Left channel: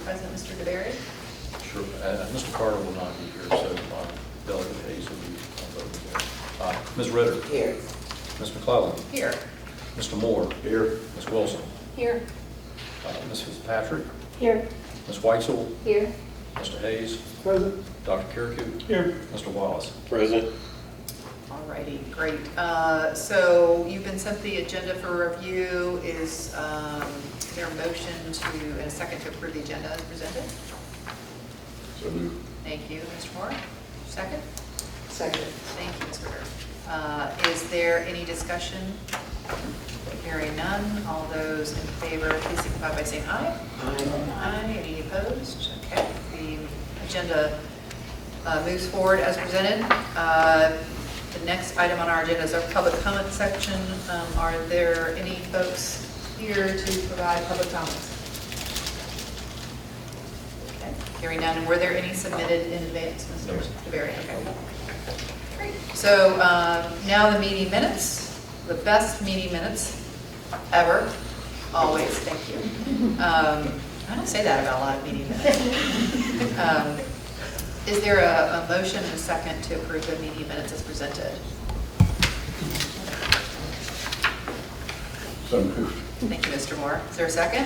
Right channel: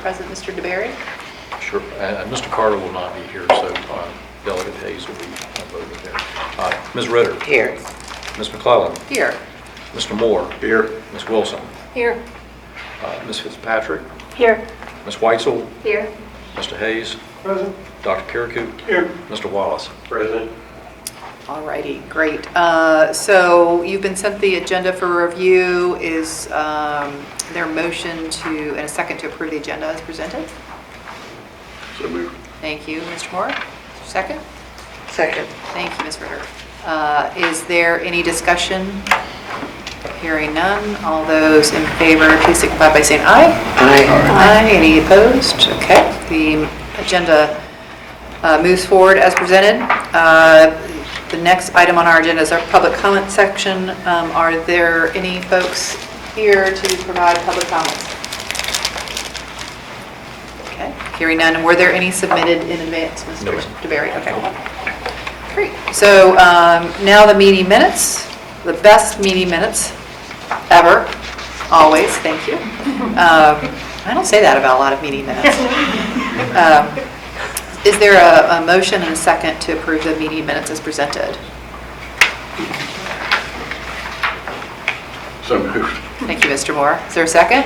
present, Mr. DeBerry? Sure, and Mr. Carter will not be here, so Delegate Hayes will be voting there. Ms. Ritter? Here. Ms. McClellan? Here. Mr. Moore? Here. Ms. Wilson? Here. Ms. Fitzpatrick? Here. Ms. Weitzel? Here. Mr. Hayes? Present. Dr. Kirikou? Here. Mr. Wallace? Present. All righty, great. So you've been sent the agenda for review. Is there a motion to, and a second to approve the agenda as presented? So moved. Thank you, Mr. Moore. Second? Second. Thank you, Ms. Ritter. Is there any discussion? Hearing none. All those in favor, please signify by saying aye. Aye. Aye. Any opposed? Okay. The agenda moves forward as presented. The next item on our agenda is our public comment section. Are there any folks here to provide public comments? Okay. Hearing none. Were there any submitted in advance, Mr. No. DeBerry? Okay. Great. So now the meeting minutes, the best meeting minutes ever, always, thank you. I don't say that about a lot of meeting minutes. Is there a motion and a second to approve the meeting minutes as presented? So moved. Thank you, Mr. Moore. Is there a second?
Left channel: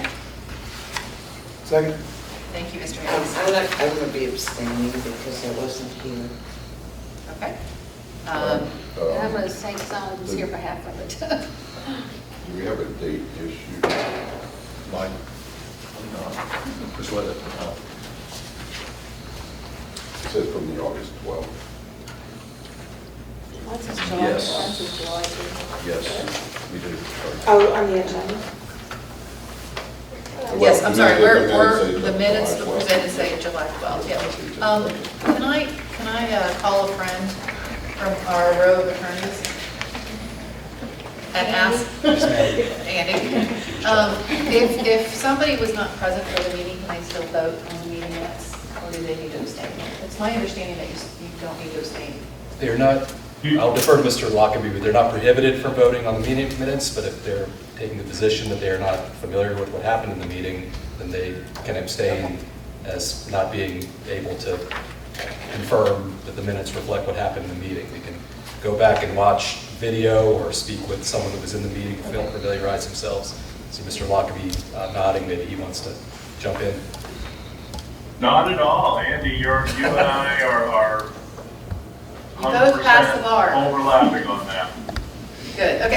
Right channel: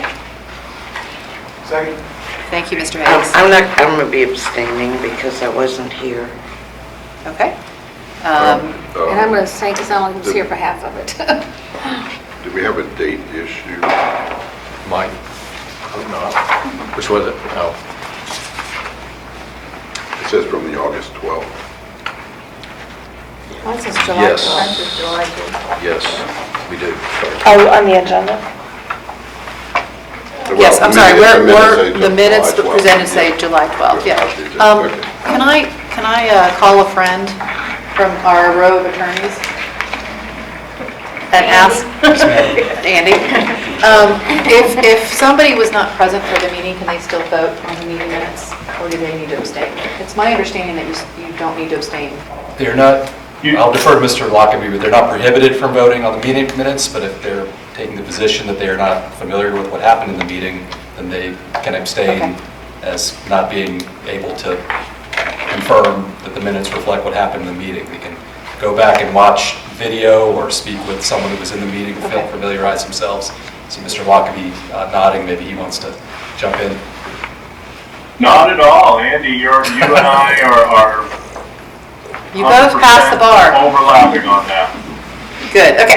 Second. Thank you, Mr. Hayes. I'm going to be abstaining because I wasn't here. Okay. And I'm going to say, because I only was here for half of it. Do we have a date issue? Mike? Which was it? Oh. It says from the August 12th. Mine says July. Yes. Mine says July 2. Yes, we do. Oh, on the agenda? Yes, I'm sorry, the July minutes 12th. presented say July 12th, yeah. Okay. Can I call a friend from our row of attorneys? And ask, Andy, if somebody was not present for the meeting, can they still vote on the meeting minutes? Or do they need to abstain? It's my understanding that you don't need to abstain. They're not, I'll defer to Mr. Lockaby, but they're not prohibited from voting on the meeting minutes, but if they're taking the position that they are not familiar with what happened in the meeting, then they can abstain Okay. as not being able to confirm that the minutes reflect what happened in the meeting. They can go back and watch video or speak with someone who was in the meeting to Okay. familiarize themselves. See Mr. Lockaby nodding, maybe he wants to jump in. Not at all, Andy. You and I are. You both passed the bar. Overlapping on that. Good, okay,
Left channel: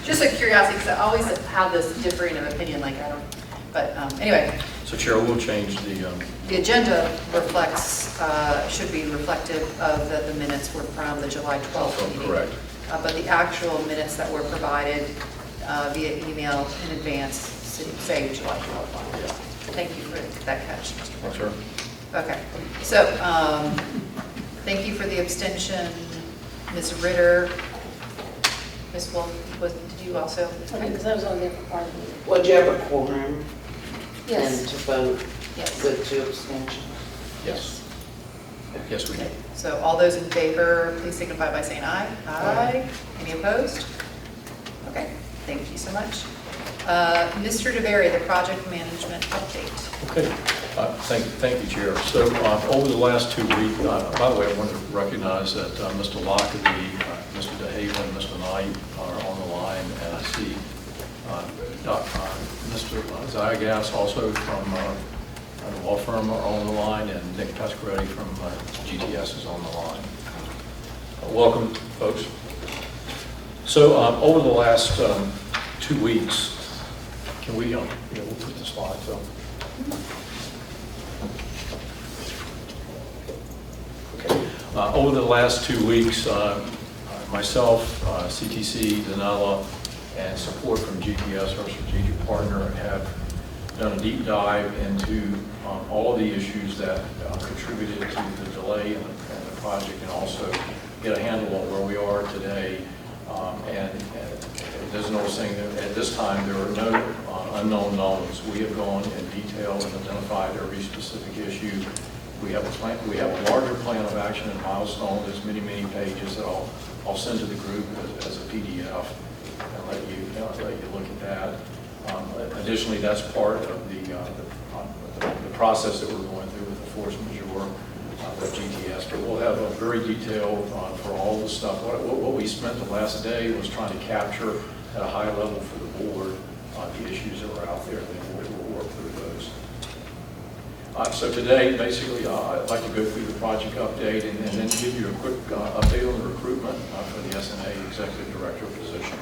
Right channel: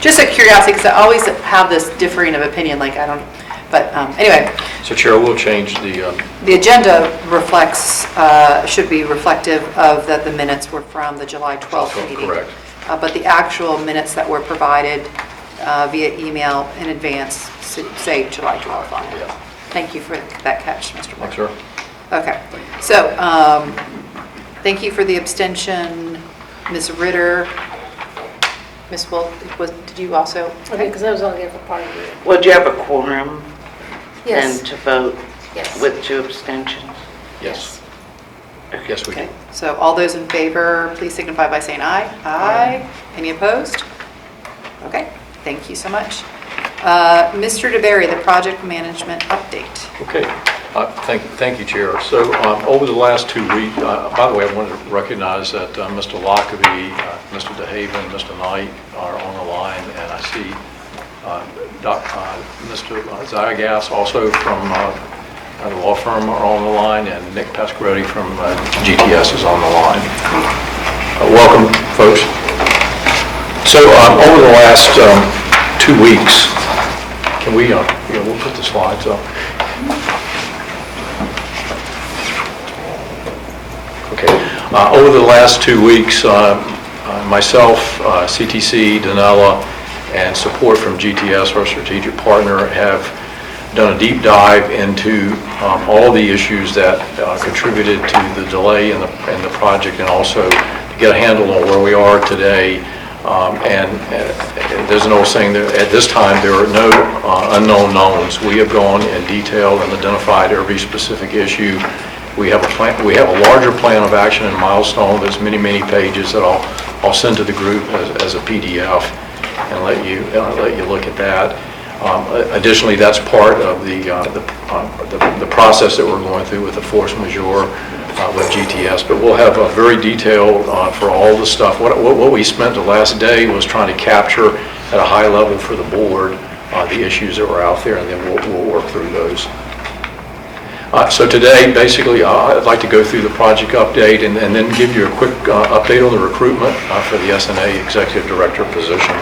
just a curiosity, because I always have this differing of opinion, like I don't, but anyway. So Chair, we'll change the, The agenda reflects, should be reflective of that the minutes were from the July 12th meeting. correct. But the actual minutes that were provided via email in advance say July 12th on it. Yeah. Thank you for that catch, Mr. Moore. Thanks, sir. Okay, so thank you for the abstention, Ms. Ritter. Ms. Wolf, did you also? Okay, because I was only here for part of it. Would you have a quorum Yes. then to vote Yes. with 2 abstentions? Yes. Yes, we do. Okay, so all those in favor, please signify by saying aye. Aye. Any opposed? Okay, thank you so much. Mr. DeBerry, the project management update. Okay, thank you, Chair. So over the last 2 weeks, by the way, I wanted to recognize that Mr. Lockaby, Mr. DeHaven, Mr. Knight are on the line, and I see Mr. Zygas also from the law firm are on the line, and Nick Pasquarelli from GTS is on the line. Welcome, folks. So over the last 2 weeks, can we, we'll put the slides up. Okay. Over the last 2 weeks, myself, CTC, Danella, and support from GTS, our strategic partner, have done a deep dive into all the issues that contributed to the delay in the project, and also to get a handle on where we are today. And there's an old saying that at this time there are no unknown knowns. We have gone in detail and identified every specific issue. We have a plan. We have a larger plan of action and milestone that's many pages that I'll send to the group as a PDF and let you look at that. Additionally, that's part of the process that we're going through with the force majeure with GTS, but we'll have a very detailed for all the stuff. What we spent the last day was trying to capture at a high level for the board the issues that were out there, and then we'll work through those. So today, basically, I'd like to go through the project update and then give you a quick update on the recruitment for the SNA Executive Director position.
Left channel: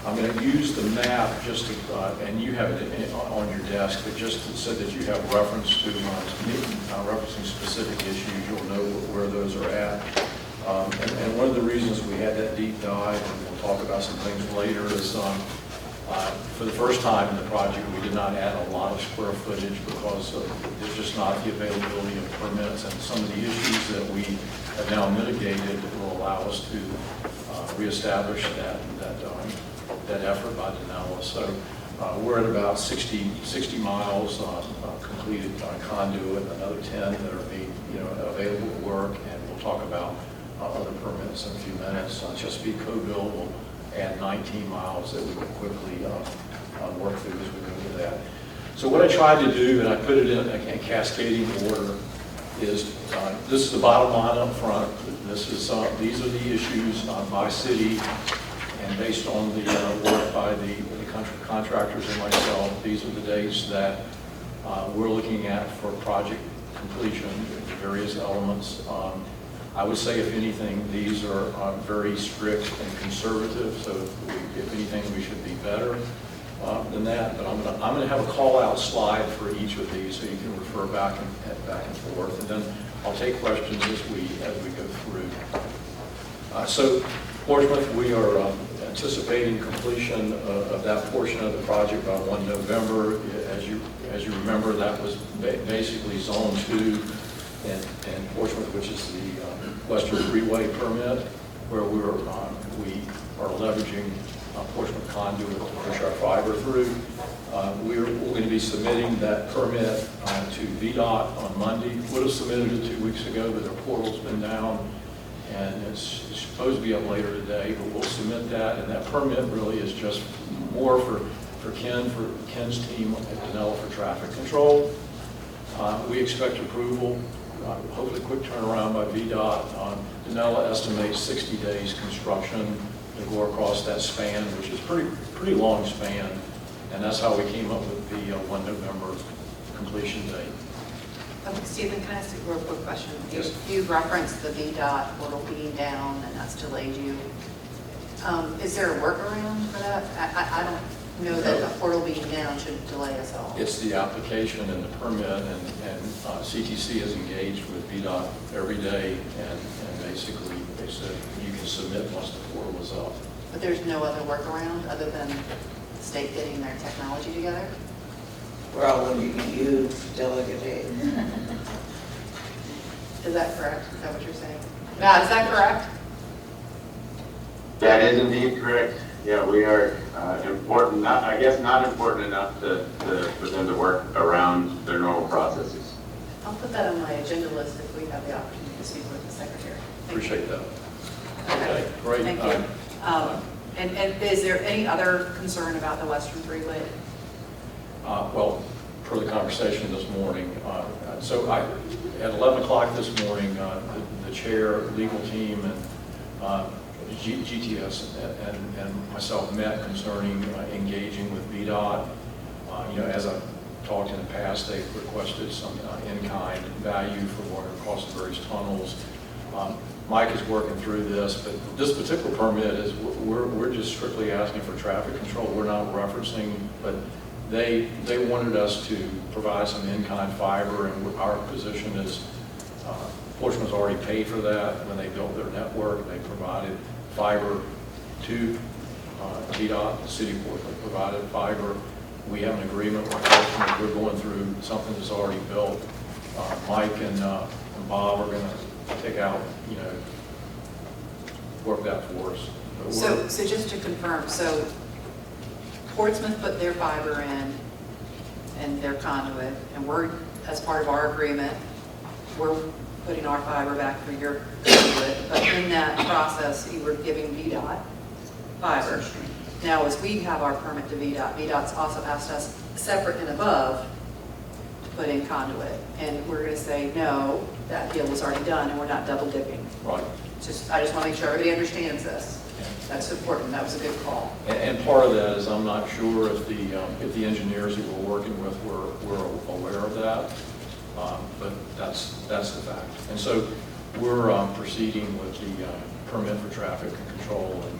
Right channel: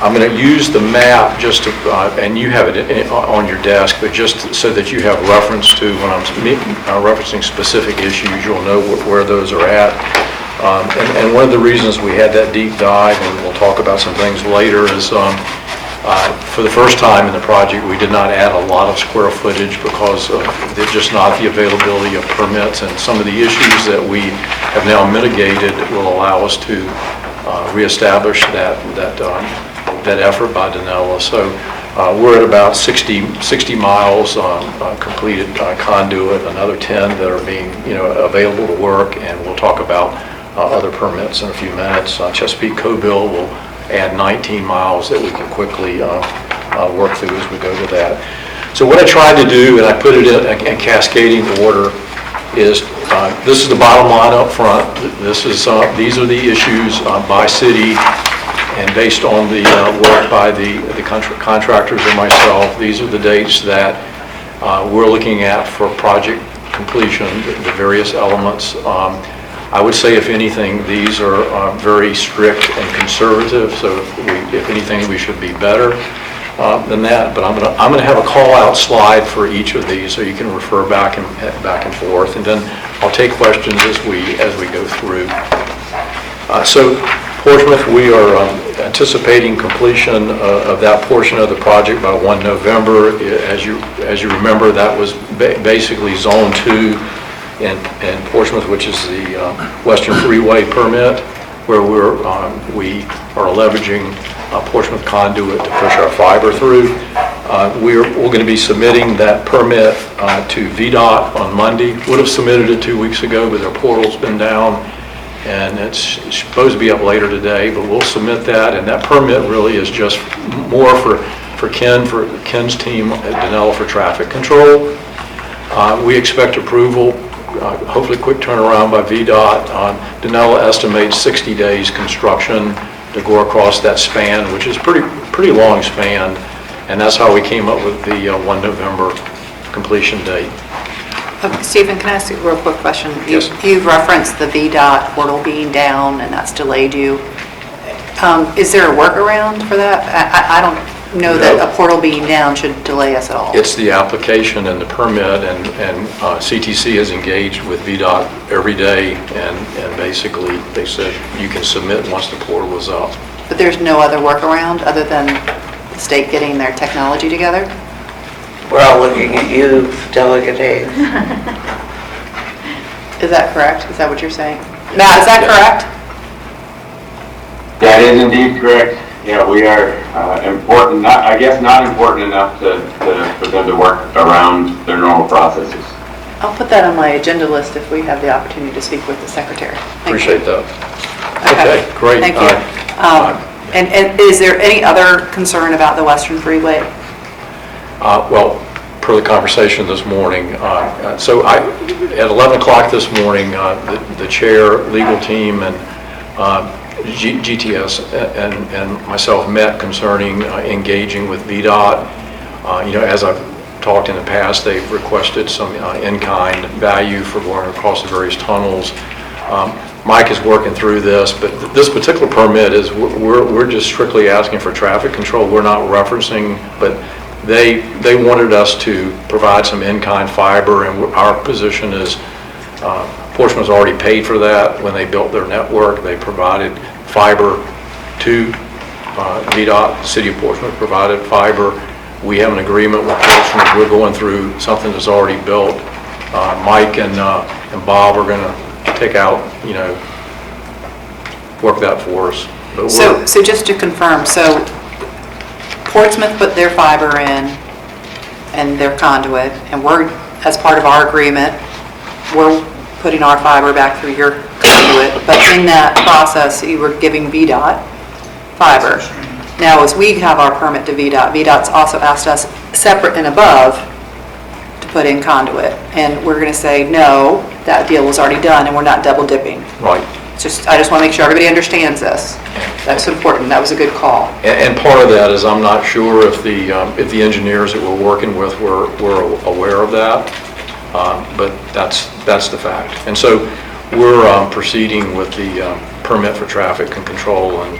I'm going to use the map just to, and you have it on your desk, but just so that you have reference to when I'm referencing specific issues, you'll know where those are at. And one of the reasons we had that deep dive, and we'll talk about some things later, is for the first time in the project, we did not add a lot of square footage because of just not the availability of permits, and some of the issues that we have now mitigated will allow us to reestablish that effort by Danella. So we're at about 60 miles completed conduit, another 10 that are being available to work, and we'll talk about other permits in a few minutes. Chesapeake Co-Bill will add 19 miles that we can quickly work through as we go to that. So what I tried to do, and I put it in cascading order, is this is the bottom line up front. This is these are the issues by city, and based on the work by the contractors and myself, these are the dates that we're looking at for project completion, the various elements. I would say, if anything, these are very strict and conservative, so if anything, we should be better than that. But I'm gonna have a call-out slide for each of these, so you can refer back and forth, and then I'll take questions as we go through. So Portsmouth, we are anticipating completion of that portion of the project by 1 November. As you remember, that was basically Zone 2 in Portsmouth, which is the Western Freeway permit, where we are leveraging Portsmouth conduit to push our fiber through. We're going to be submitting that permit to VDOT on Monday. Would have submitted it 2 weeks ago, but their portal's been down, and it's supposed to be up later today, but we'll submit that, and that permit really is just more for Ken's team at Danella for traffic control. We expect approval, hopefully quick turnaround by VDOT. Danella estimates 60 days construction to go across that span, which is pretty long span, and that's how we came up with the 1 November completion date. Stephen, can I ask you a real quick question? Yes. You've referenced the VDOT portal being down, and that's delayed you. Is there a workaround for that? I don't know that a portal being down should delay us at all. It's the application and the permit, and CTC is engaged with VDOT every day, and basically they said you can submit once the portal is up. But there's no other workaround other than the state getting their technology together? We're all looking at you, Delegate Hayes. Is that correct? Is that what you're saying? Matt, is that correct? That is indeed correct. Yeah, we are important, not important enough for them to work around their normal processes. I'll put that on my agenda list if we have the opportunity to speak with the secretary. Thank Appreciate you. that. Okay, great. Thank you. And is there any other concern about the Western Freeway? Well, per the conversation this morning, so at 11 o'clock this morning, the chair, legal team, and GTS and myself met concerning engaging with VDOT. As I've talked in the past, they've requested some in-kind value for going across the various tunnels. Mike is working through this, but this particular permit is, we're just strictly asking for traffic control. We're not referencing, but they wanted us to provide some in-kind fiber, and our position is Portsmouth's already paid for that. When they built their network, they provided fiber to VDOT. The city of Portsmouth provided fiber. We have an agreement with Portsmouth. We're going through something that's already built. Mike and Bob are going to take out, work that for us. But So just to confirm, so Portsmouth put their fiber in and their conduit, and we're, as part of our agreement, we're putting our fiber back through your conduit, but in that process, you were giving VDOT fiber. Now, as we have our permit to VDOT, VDOT's also asked us separate and above to put in conduit. And we're going to say, no, that deal was already done and we're not double dipping. Right. I just want to make sure everybody understands this. That's important. That was a good call. And part of that is I'm not sure if the engineers that we're working with were aware of that, but that's the fact. And so we're proceeding with the permit for traffic and control, and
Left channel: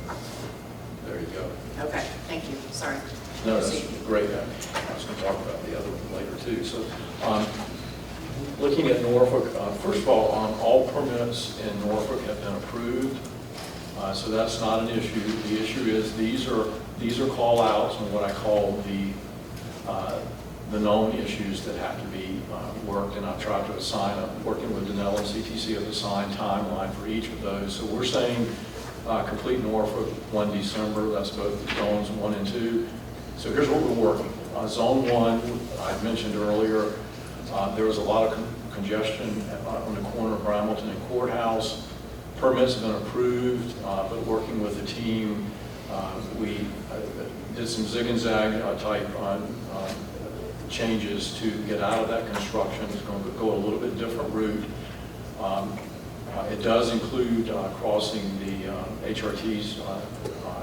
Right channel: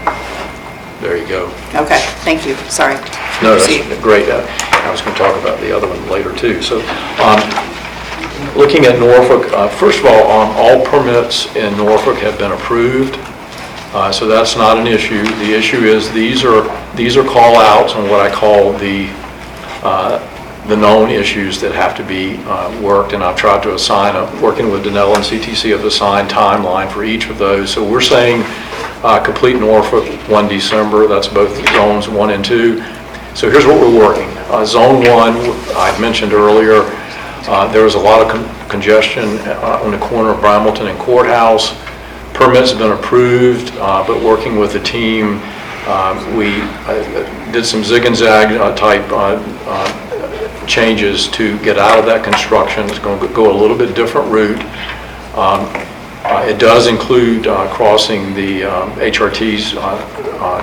there you go. Okay, thank you. Sorry. No, Proceed. that's great. I was going to talk about the other one later too. So looking at Norfolk, first of all permits in Norfolk have been approved. So that's not an issue. The issue is these are call-outs on what I call the known issues that have to be worked, and I've tried to assign, working with Danella and CTC, have assigned timeline for each of those. So we're saying complete Norfolk 1 December, that's both zones 1 and 2. So here's what we're working. Zone 1, I mentioned earlier, there was a lot of congestion on the corner of Bramilton and Courthouse. Permits have been approved, but working with the team, we did some zig and zag type changes to get out of that construction. It's going to go a little bit different route. It does include crossing the HRT's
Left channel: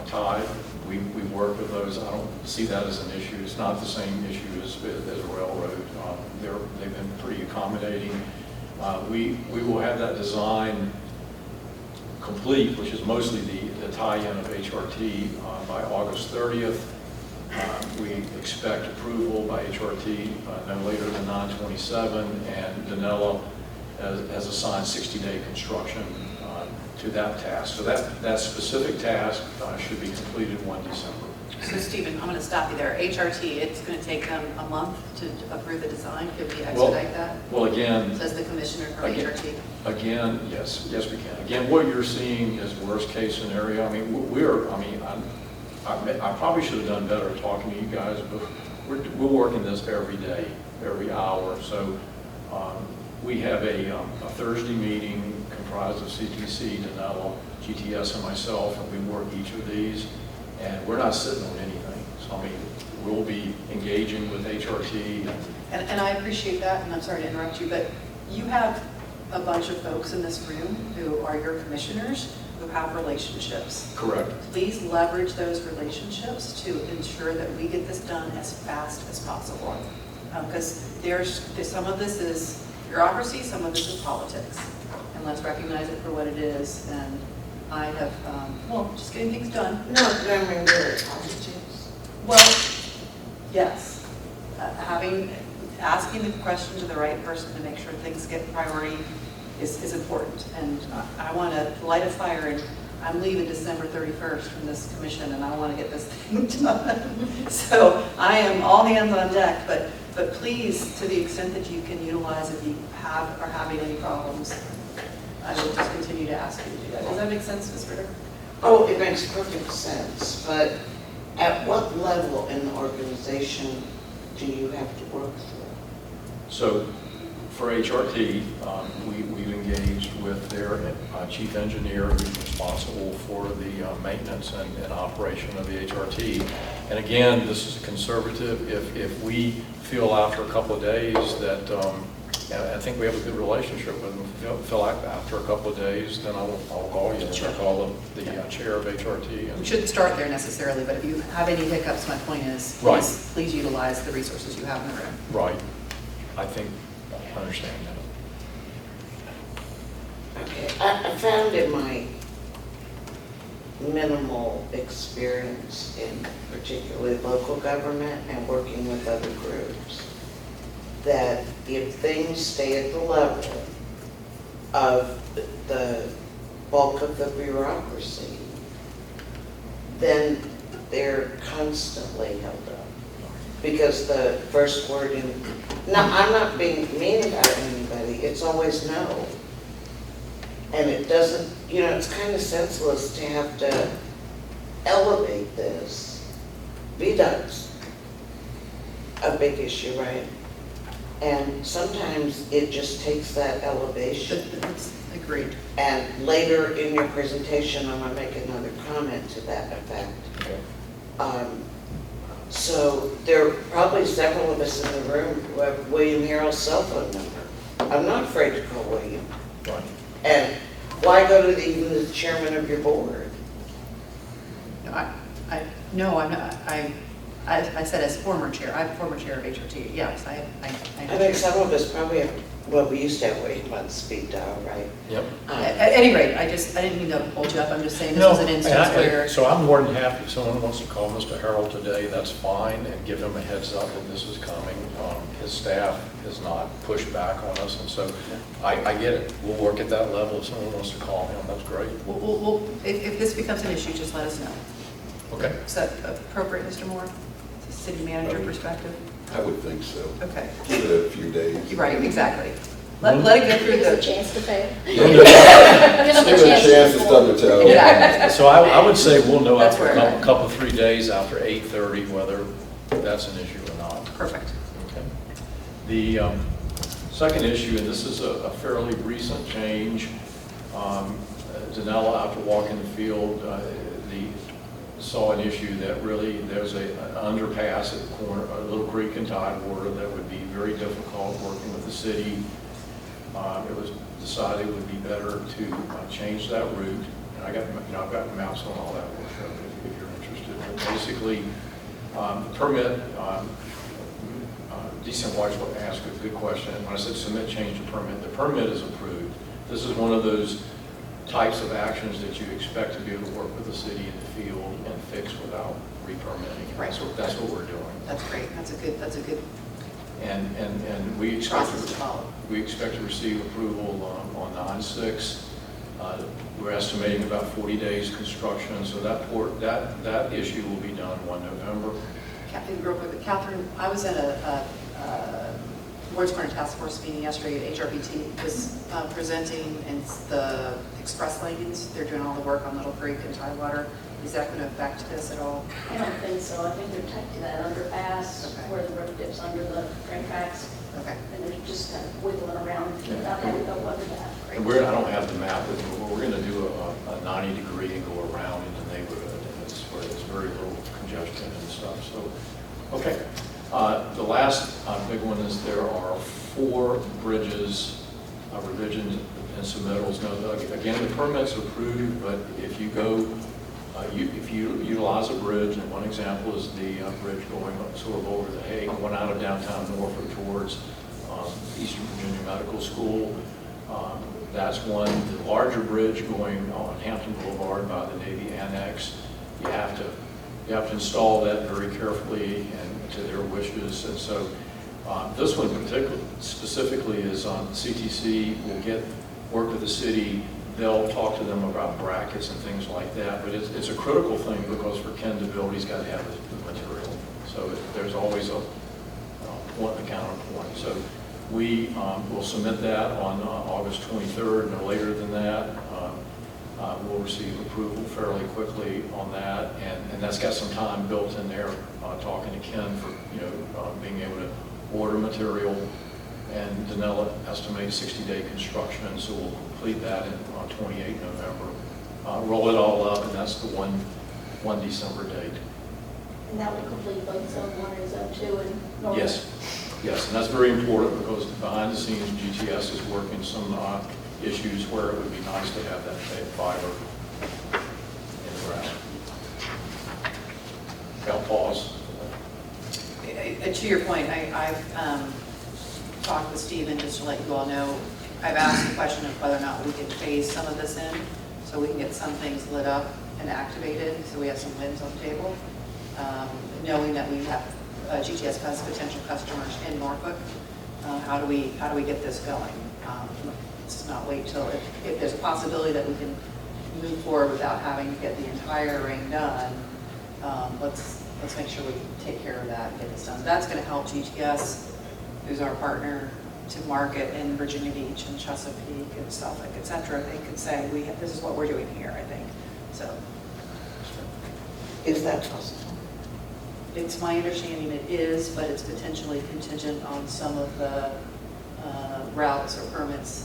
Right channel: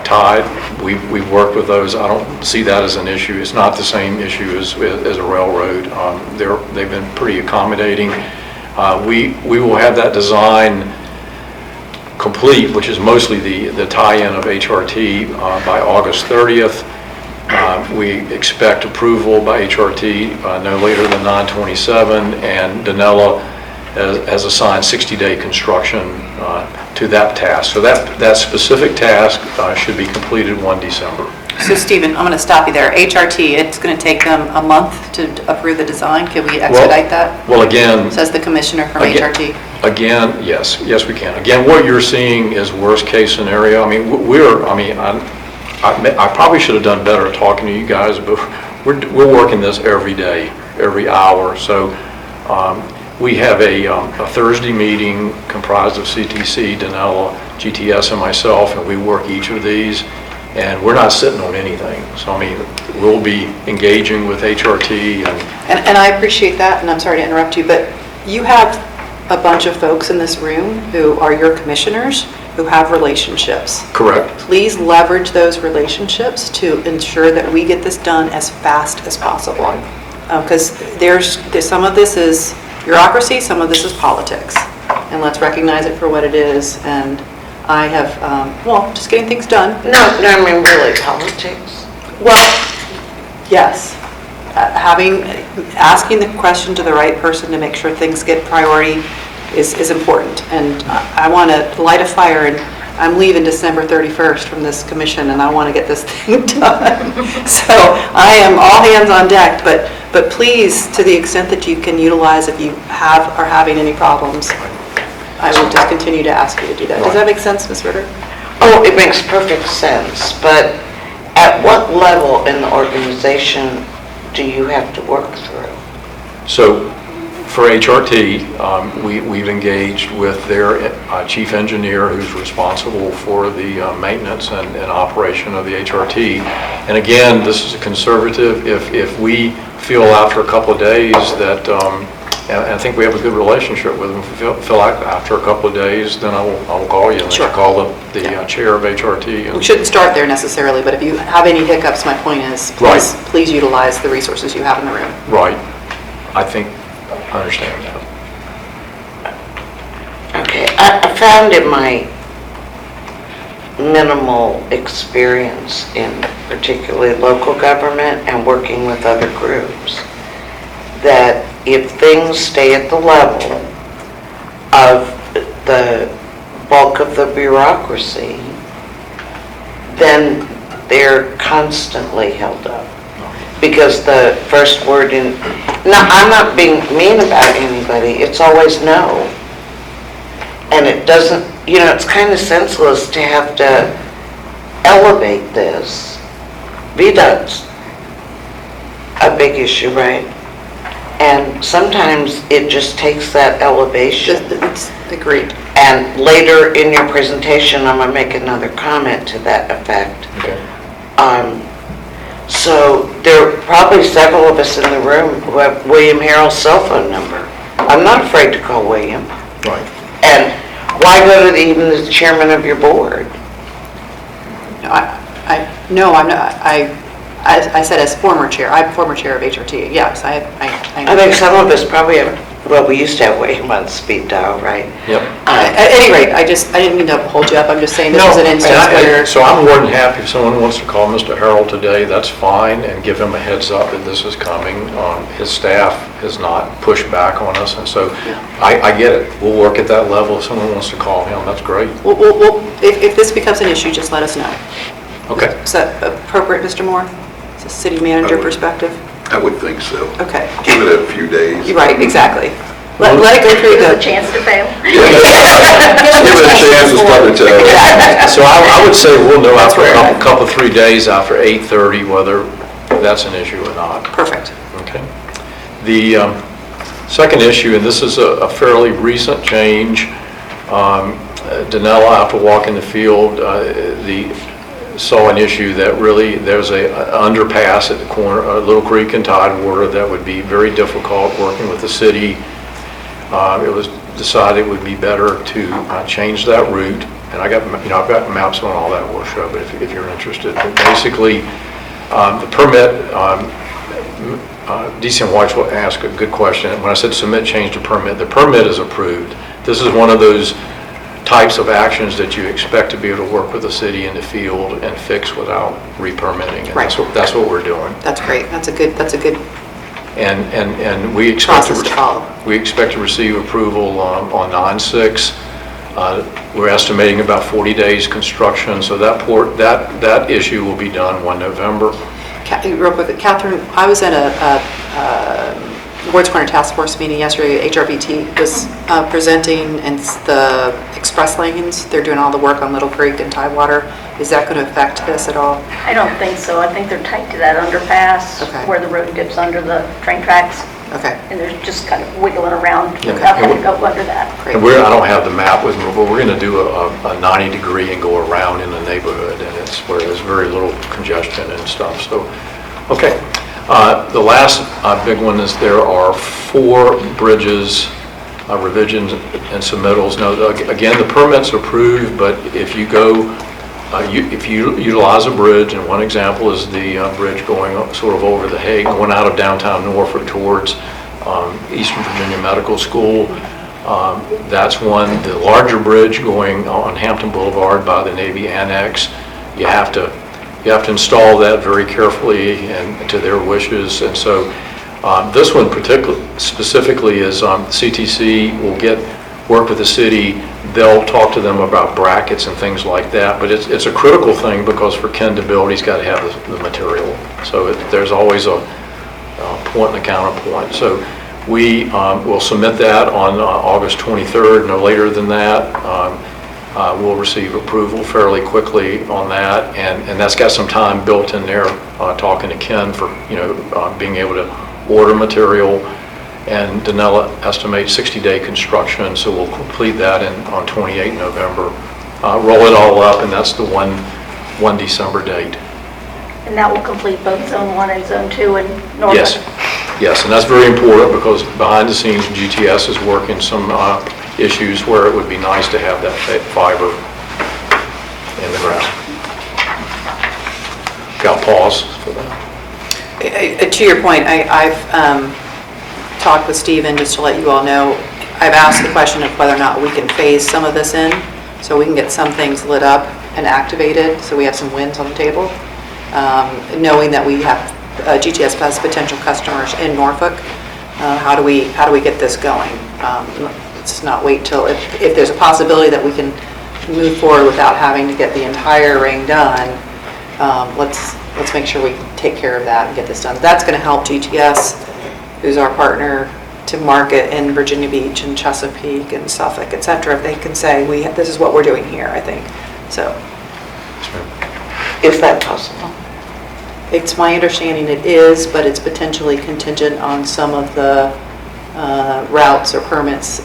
tide. We've worked with those. I don't see that as an issue. It's not the same issue as a railroad. They've been pretty accommodating. We will have that design complete, which is mostly the tie-in of HRT, by August 30th. We expect approval by HRT no later than 9/27, and Danella has assigned 60-day construction to that task. So that specific task should be completed 1 December. So Stephen, I'm going to stop you there. HRT, it's going to take them a month to approve the design. Can we expedite that? Well, again, Says the commissioner from HRT. Again, yes, we can. Again, what you're seeing is worst case scenario. I mean, I probably should have done better at talking to you guys, but we're working this every day, every hour. So we have a Thursday meeting comprised of CTC, Danella, GTS, and myself, and we work each of these, and we're not sitting on anything. So, I mean, we'll be engaging with HRT. And I appreciate that, and I'm sorry to interrupt you, but you have a bunch of folks in this room who are your commissioners who have relationships. Correct. Please leverage those relationships to ensure that we get this done as fast as possible. Because there's some of this is bureaucracy, some of this is politics. And let's recognize it for what it is. And I have, just getting things done. No, I mean, really, politics. Well, yes. Asking the question to the right person to make sure things get priority is important. And I want to light a fire, and I'm leaving December 31st from this commission, and I want to get this thing done. So I am all hands on deck, but please, to the extent that you can utilize, if you are having any problems, I will just continue to ask you to do that. Does that make sense, Ms. Ritter? Oh, it makes perfect sense, but at what level in the organization do you have to work through? So for HRT, we've engaged with their chief engineer, who's responsible for the maintenance and operation of the HRT. And again, this is a conservative. If we feel after a couple of days that, and I think we have a good relationship with them, if we feel like after a couple of days, then I will call you. Sure. I'll call the chair of HRT. We shouldn't start there necessarily, but if you have any hiccups, my point is, please utilize the resources you have in the room. Right. I think I understand that. Okay, I found in my minimal experience in particularly local government and working with other groups that if things stay at the level of the bulk of the bureaucracy, then they're constantly held up. Because the first word I'm not being mean about anybody, it's always no. And it doesn't, it's kind of senseless to have to elevate this. VDOT's a big issue, right? And sometimes it just takes that elevation. Agreed. And later in your presentation, I'm going to make another comment to that effect. Okay. So there are probably several of us in the room who have William Harrell's cell phone number. I'm not afraid to call William. Right. And why go to even the chairman of your board? No, I'm not, I said as former chair, I'm former chair of HRT, yes, I think some of us probably have, well, we used to have William on speed dial, right? Yep. At any rate, I didn't mean to hold you up, I'm just saying this No, is an instance where. so I'm more than happy if someone wants to call Mr. Harrell today, that's fine, and give him a heads up that this is coming. His staff has not pushed back on us, and so I get it. We'll work at that level. If someone wants to call him, that's great. If this becomes an issue, just let us know. Okay. Is that appropriate, Mr. Moore? Is a city manager perspective? I would think so. Okay. Give it a few days. You're right, exactly. Let it go through Give us a the. chance to fail. Give it a chance to start to tell. So I would say we'll know That's after where- a couple, 3 days after 8:30 whether that's an issue or not. Perfect. Okay. The second issue, and this is a fairly recent change, Danella, after walking the field, saw an issue that really, there's an underpass at the corner of Little Creek and Tidewater that would be very difficult working with the city. It was decided it would be better to change that route, and I've got maps on all that we'll show, but if you're interested. But basically, the permit, DC White will ask a good question. When I said submit change to permit, the permit is approved. This is one of those types of actions that you expect to be able to work with the city in the field and fix without re-permitting. And Right. that's what we're doing. That's great. That's a good And we expect process to follow. we expect to receive approval on 9/6. We're estimating about 40 days construction, so that issue will be done 1 November. Real quick, Catherine, I was at a Ward's Corner Task Force meeting yesterday. HRBT was presenting, and the express lanes, they're doing all the work on Little Creek and Tidewater. Is that going to affect this at all? I don't think so. I think they're tight to that underpass Okay. where the road dips under the train tracks. Okay, And they're just kind of wiggling around Yeah. without having to go under that. great. And I don't have the map with me, but we're going to do a 90-degree and go around in the neighborhood, and it's where there's very little congestion and stuff, so, okay. The last big one is there are 4 bridges, revisions and submittals. Now, again, the permit's approved, but if you go, if you utilize a bridge, and one example is the bridge going sort of over the Hague, going out of downtown Norfolk towards Eastern Virginia Medical School, that's one. The larger bridge going on Hampton Boulevard by the Navy Annex, you have to install that very carefully and to their wishes. And so this one specifically is CTC will work with the city. They'll talk to them about brackets and things like that. But it's a critical thing because for Ken to build, he's got to have the material. So there's always a point and a counterpoint. So we will submit that on August 23rd, no later than that. We'll receive approval fairly quickly on that, and that's got some time built in there, talking to Ken for, being able to order material, and Danella estimates 60-day construction, so we'll complete that on 28 November. Roll it all up, and that's the 1 December date. And that will complete both Zone 1 and Zone 2 in Norfolk? Yes, and that's very important because behind the scenes, GTS is working some issues where it would be nice to have that fiber in the ground. Got pause for that. To your point, I've talked with Stephen, just to let you all know, I've asked the question of whether or not we can phase some of this in, so we can get some things lit up and activated, so we have some wins on the table, knowing that we have GTS has potential customers in Norfolk. How do we get this going? Let's not wait till, if there's a possibility that we can move forward without having to get the entire ring done, let's make sure we take care of that and get this done. That's going to help GTS, who's our partner, to market in Virginia Beach and Chesapeake and Suffolk, et cetera. If they can say, this is what we're doing here, I think. So Is that possible? it's my understanding it is, but it's potentially contingent on some of the routes or permits,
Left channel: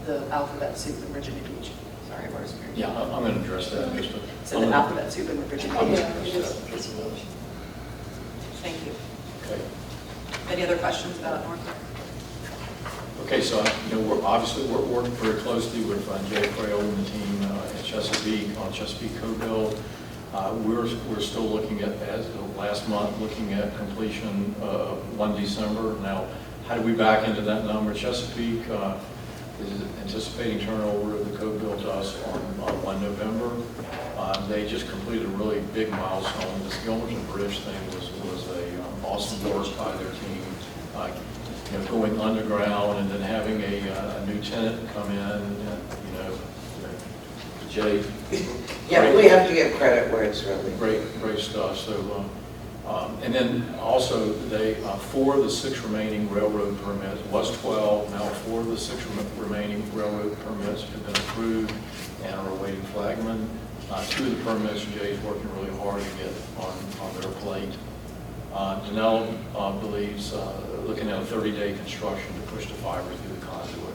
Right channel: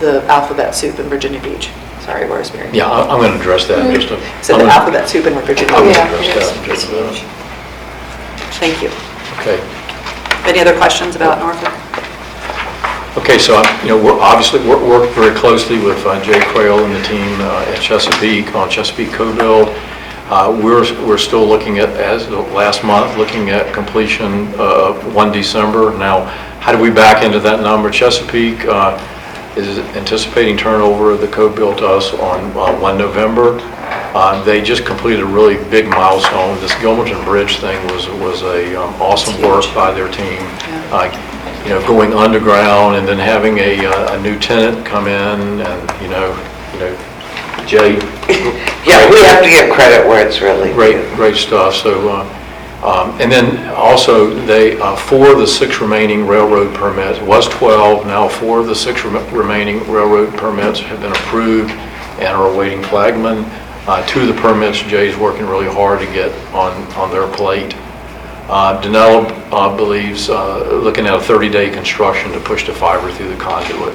the alphabet soup in Virginia Beach. So Sorry, Rosemary. Yeah, I'm going to address that in just a... So the alphabet soup in Virginia. I'm going to Yeah, address it that in is. just a minute. Thank you. Okay. Any other questions about Norfolk? Okay, so, we're obviously worked very closely with Jay Quayle and the team at Chesapeake on Chesapeake Co-Build. We're still looking at, as of last month, looking at completion of 1 December. Now, how do we back into that number? Chesapeake is anticipating turnover of the Co-Build to us on 1 November. They just completed a really big milestone. This Gilmerton Bridge thing was a awesome work by their team. Going underground and then having a new tenant come in and, Jay. Yeah, we have to give credit where it's really due. Great stuff. So, and then also they, 4 of the 6 remaining railroad permits, it was 12, now 4 of the 6 remaining railroad permits have been approved and are awaiting flagman. 2 of the permits, Jay's working really hard to get on their plate. Danella believes, looking at a 30-day construction to push the fiber through the conduit.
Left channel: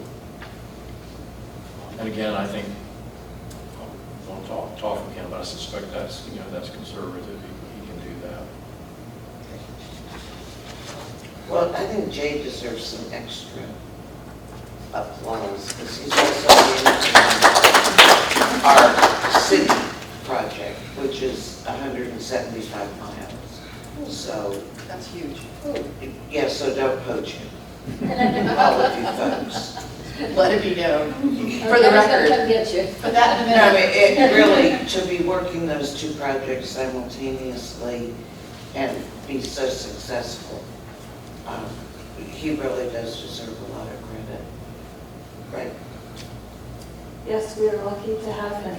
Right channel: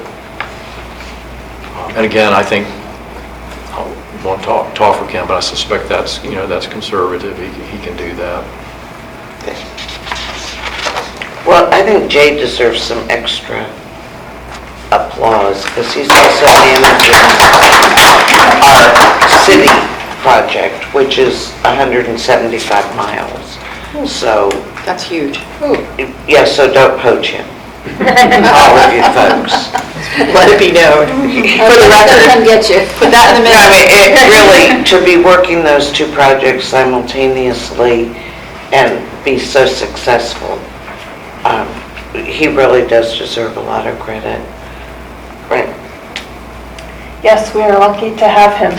And again, I think, I won't talk for Ken, but I suspect that's, that's conservative. He can do that. Okay. Well, I think Jay deserves some extra applause because he's also managing our city project, which is 175 miles. So, That's huge. yeah, so don't poach him, all of you folks. Let it be known. For the Let record, him get you. put that in the No, I minutes. mean, it really, to be working those 2 projects simultaneously and be so successful, he really does deserve a lot of credit. Right. Yes, we are lucky to have him,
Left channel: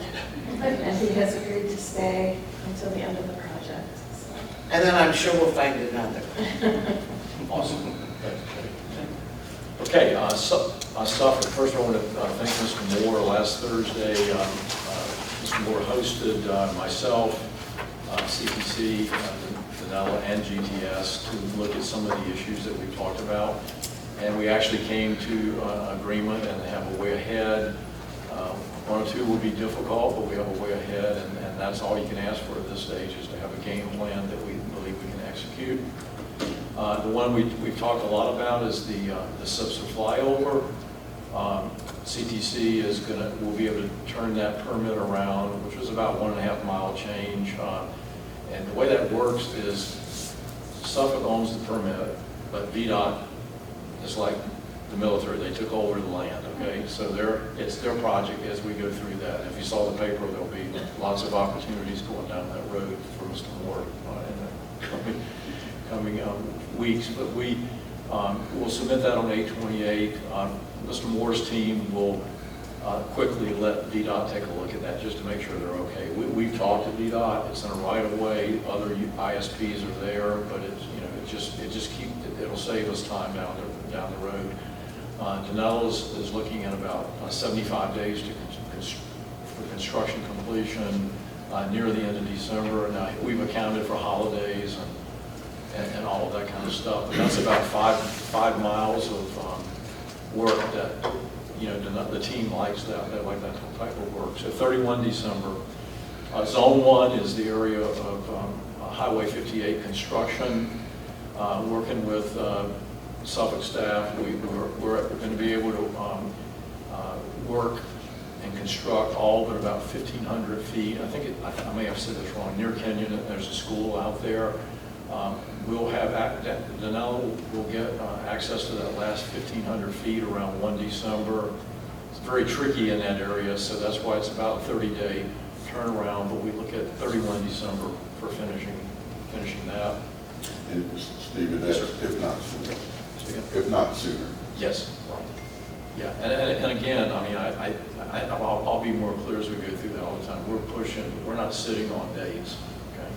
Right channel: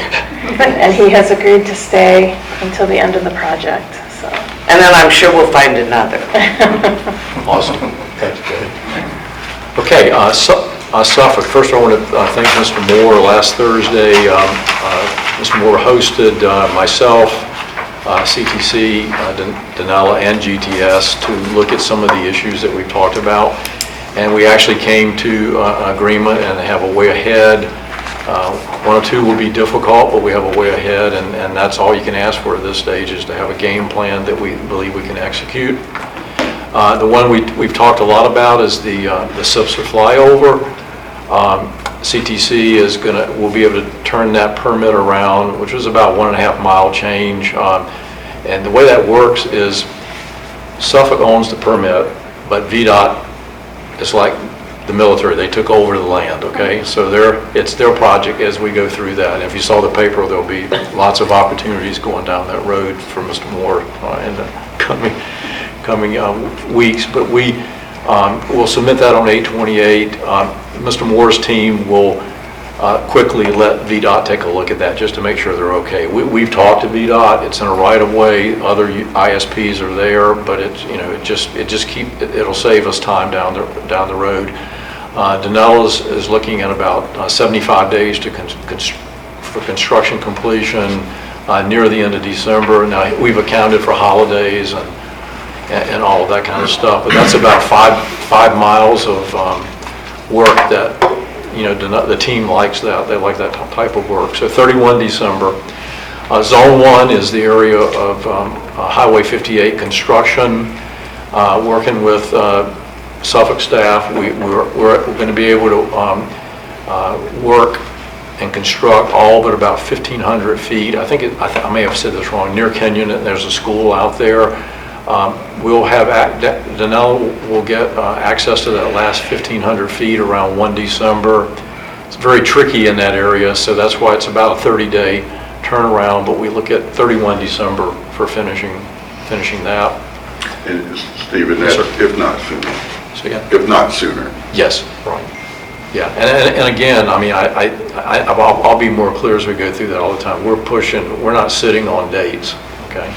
and he has agreed to stay until the end of the project, so. And then I'm sure we'll find another. Awesome. Thanks, Jay. Okay, Suffolk. First, I want to thank Mr. Moore. Last Thursday, Mr. Moore hosted myself, CTC, Danella, and GTS to look at some of the issues that we've talked about. And we actually came to an agreement and have a way ahead. 1 or 2 will be difficult, but we have a way ahead, and that's all you can ask for at this stage, is to have a game plan that we believe we can execute. The one we've talked a lot about is the Sipser flyover. CTC will be able to turn that permit around, which was about 1.5 mile change. And the way that works is Suffolk owns the permit, but VDOT is like the military. They took over the land, okay? So it's their project as we go through that. And if you saw the paper, there'll be lots of opportunities going down that road for Mr. Moore in the coming weeks. But we will submit that on 8/28. Mr. Moore's team will quickly let VDOT take a look at that just to make sure they're okay. We've talked to VDOT. It's in a right-of-way. Other ISPs are there, but it'll save us time down the road. Danella is looking at about 75 days for construction completion near the end of December. Now, we've accounted for holidays and all of that kind of stuff, but that's about 5 miles of work that, the team likes that. They like that type of work. So 31 December. Zone 1 is the area of Highway 58 construction. Working with Suffolk staff, we're going to be able to work and construct all but about 1,500 feet. I may have said this wrong, near Kenyon, and there's a school out there. We'll have, Danella will get access to that last 1,500 feet around 1 December. It's very tricky in that area, so that's why it's about a 30-day turnaround, but we look at 31 December for finishing that. And Stephen, Yes, that's sir. if not sooner. So, yeah. If not sooner. Yes, right. Yeah, and again, I mean, I'll be more clear as we go through that all the time. We're not sitting on dates, okay?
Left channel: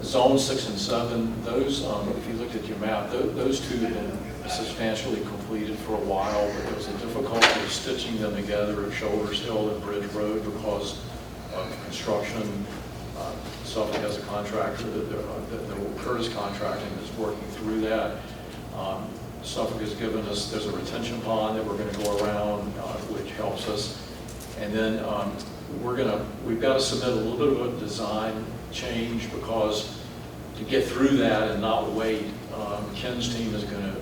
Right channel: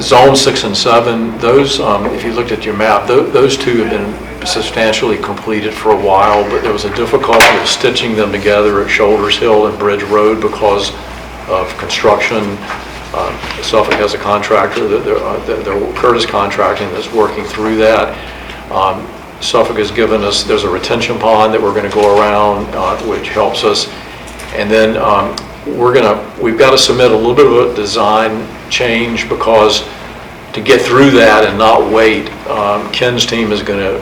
Zone 6 and 7, those, if you looked at your map, those 2 have been substantially completed for a while, but there was a difficulty of stitching them together at Shoulders Hill and Bridge Road because of construction. Suffolk has a contractor, Curtis Contracting, that's working through that. Suffolk has given us, there's a retention pond that we're going to go around, which helps us. And then we've got to submit a little bit of a design change, because to get through that and not wait, Ken's team is going to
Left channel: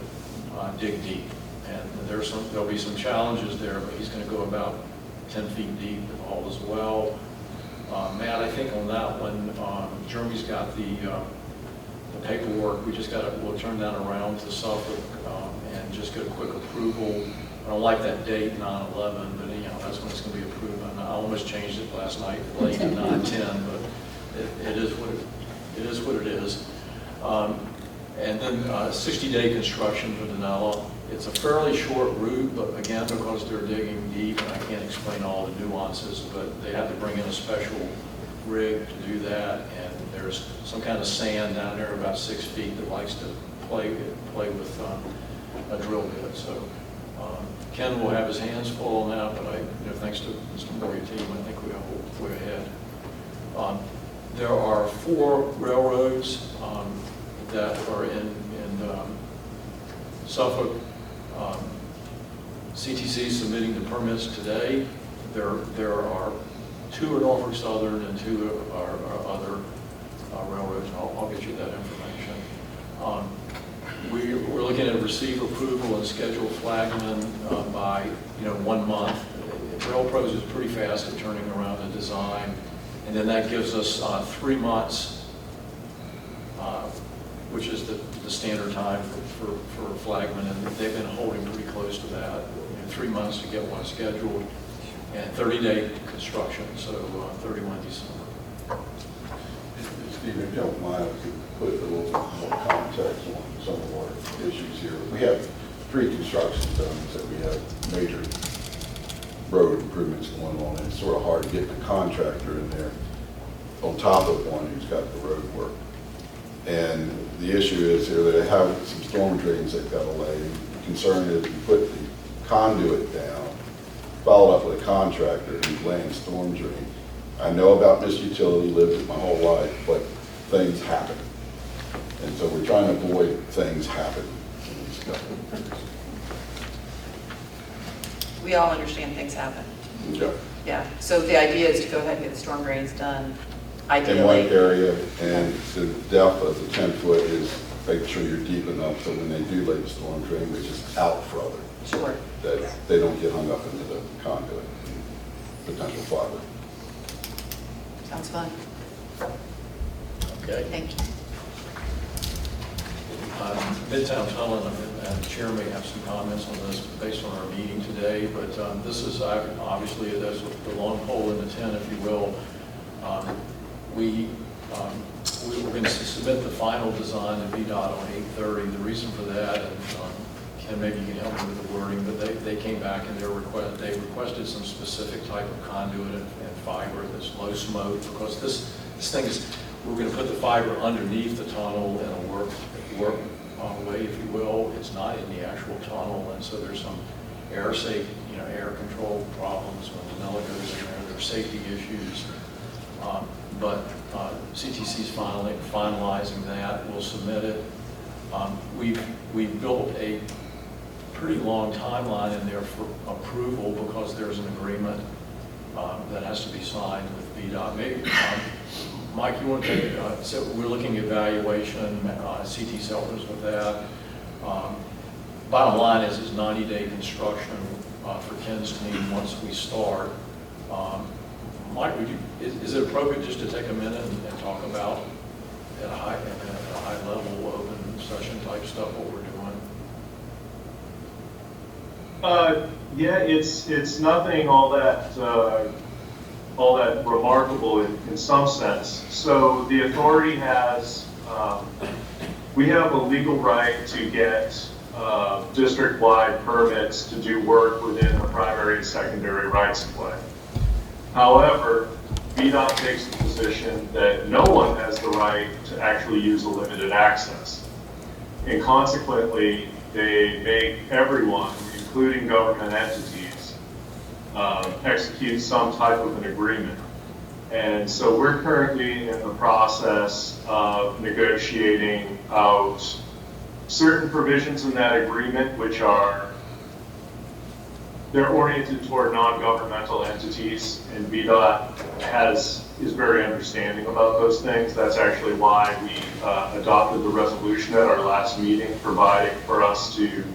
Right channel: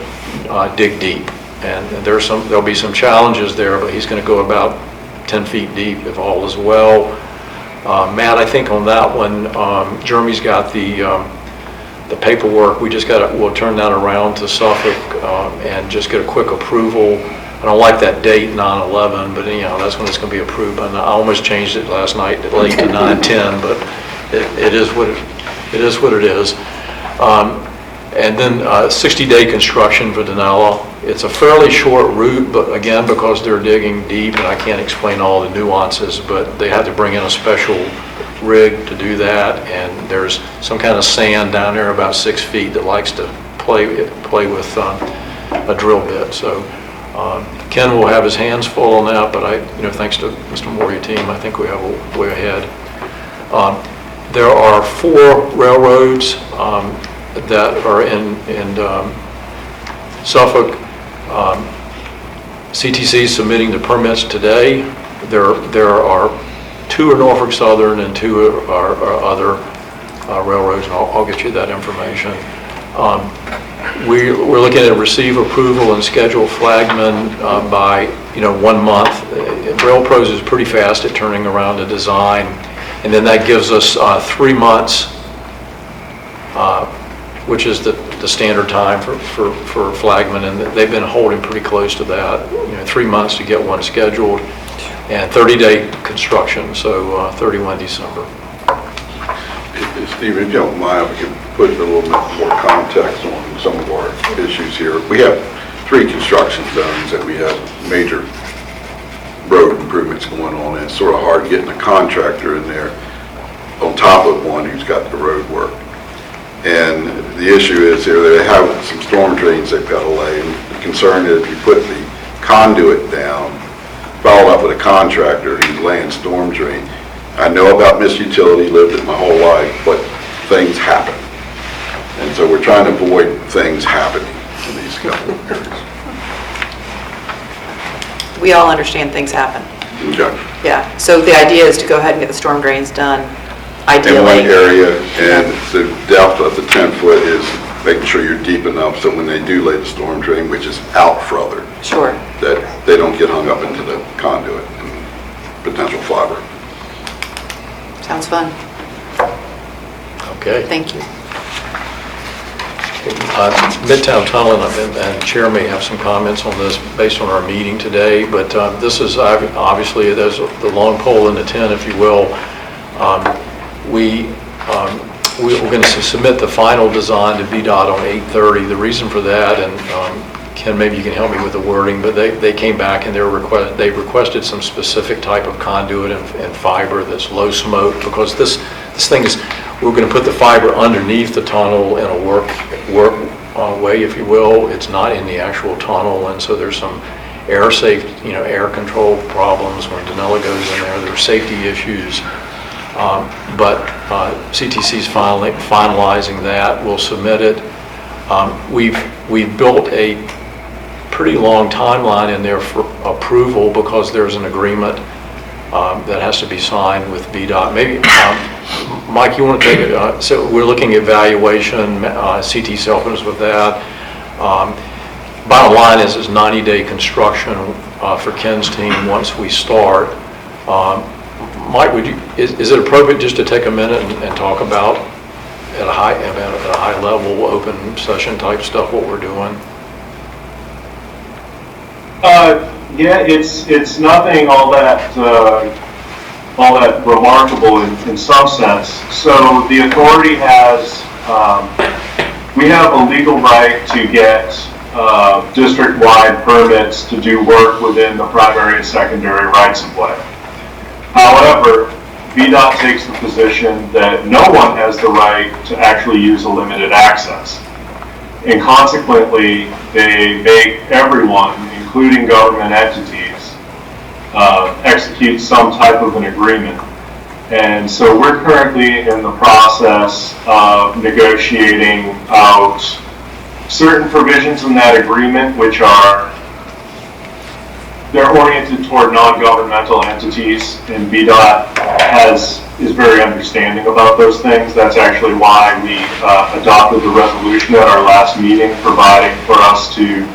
dig deep. And there'll be some challenges there, but he's going to go about 10 feet deep if all is well. Matt, I think on that one, Jeremy's got the paperwork. We'll turn that around to Suffolk and just get a quick approval. I don't like that date, 9/11, but that's when it's going to be approved. I almost changed it last night, late to 9/10, but it is what it is. And then 60-day construction for Denella. It's a fairly short route, but again, because they're digging deep, and I can't explain all the nuances, but they had to bring in a special rig to do that, and there's some kind of sand down there about 6 feet that likes to play with a drill bit. So Ken will have his hands full on that, but thanks to Mr. Moore, your team, I think we have a way ahead. There are 4 railroads that are in Suffolk. CTC is submitting the permits today. There are 2 are Norfolk Southern and 2 are other railroads, and I'll get you that information. We're looking at receive approval and schedule flagman by 1 month. RailPros is pretty fast at turning around a design, and then that gives us 3 months, which is the standard time for flagman, and they've been holding pretty close to that. 3 months to get one scheduled, and 30-day construction, so 31 December. Steve, if you don't mind, if we could put a little bit more context on some of our issues here. We have 3 construction zones that we have major road improvements going on, and it's sort of hard getting a contractor in there on top of one who's got the road work. And the issue is here, they have some storm drains they've got to lay, and the concern is if you put the conduit down, follow up with a contractor who's laying storm drain. I know about missed utility, lived it my whole life, but things happen. And so we're trying to avoid things happening in these couple of areas. We all understand things happen. Okay. Yeah, so the idea is to go ahead and get the storm drains done, ideally. In one area, and the depth of the 10-foot is making sure you're deep enough so when they do lay the storm drain, which is out further, Sure. that they don't get hung up into the conduit and potential fiber. Sounds fun. Okay. Thank you. Midtown Tunnel, and Chair may have some comments on this based on our meeting today, but this is obviously, there's the long pole in the tent, if you will. We're going to submit the final design to VDOT on 8/30. The reason for that, and Ken, maybe you can help me with the wording, but they came back and they've requested some specific type of conduit and fiber that's low smoke, because this thing is, we're going to put the fiber underneath the tunnel in a work way, if you will. It's not in the actual tunnel, and so there's some air control problems when Denella goes in there. There are safety issues. But CTC's finalizing that. We'll submit it. We've built a pretty long timeline in there for approval, because there's an agreement that has to be signed with VDOT. Maybe, Mike, you want to take it? So we're looking at valuation. CT's helping us with that. Bottom line is 90-day construction for Ken's team once we start. Mike, is it appropriate just to take a minute and talk about at a high level, open session type stuff, what we're doing? Yeah, it's nothing all that remarkable in some sense. So the authority has, we have a legal right to get district-wide permits to do work within the primary and secondary rights of way. However, VDOT takes the position that no one has the right to actually use a limited access. And consequently, they make everyone, including government entities, execute some type of an agreement. And so we're currently in the process of negotiating out certain provisions in that agreement which are, they're oriented toward non-governmental entities, and VDOT is very understanding about those things. That's actually why we adopted the resolution at our last meeting, providing for us to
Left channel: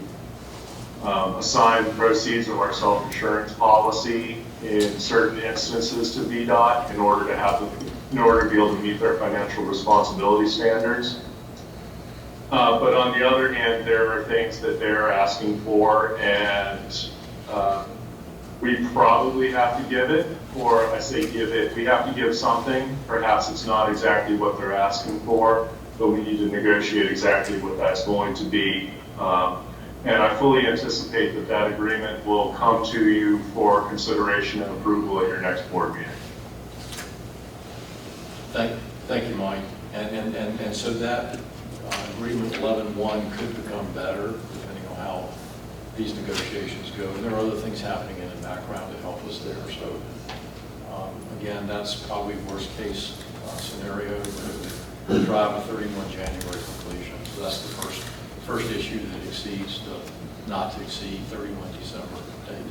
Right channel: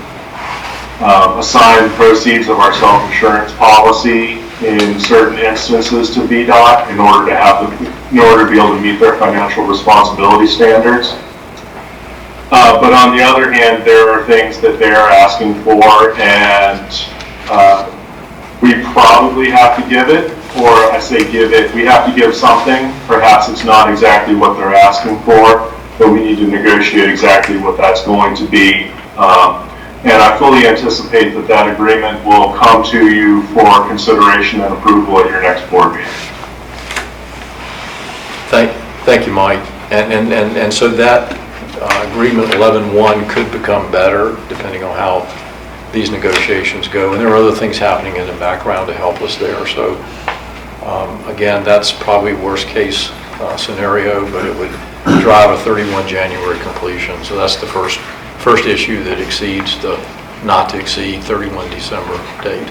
assign proceeds of our self-insurance policy in certain instances to VDOT in order to be able to meet their financial responsibility standards. But on the other hand, there are things that they're asking for, and we probably have to give it, or I say give it, we have to give something. Perhaps it's not exactly what they're asking for, but we need to negotiate exactly what that's going to be. And I fully anticipate that that agreement will come to you for consideration and approval at your next board meeting. Thank you, Mike. And so that agreement 11.1 could become better depending on how these negotiations go. And there are other things happening in the background to help us there. So again, that's probably worst case scenario, but it would drive a 31 January completion. So that's the first issue that exceeds the not to exceed 31 December date.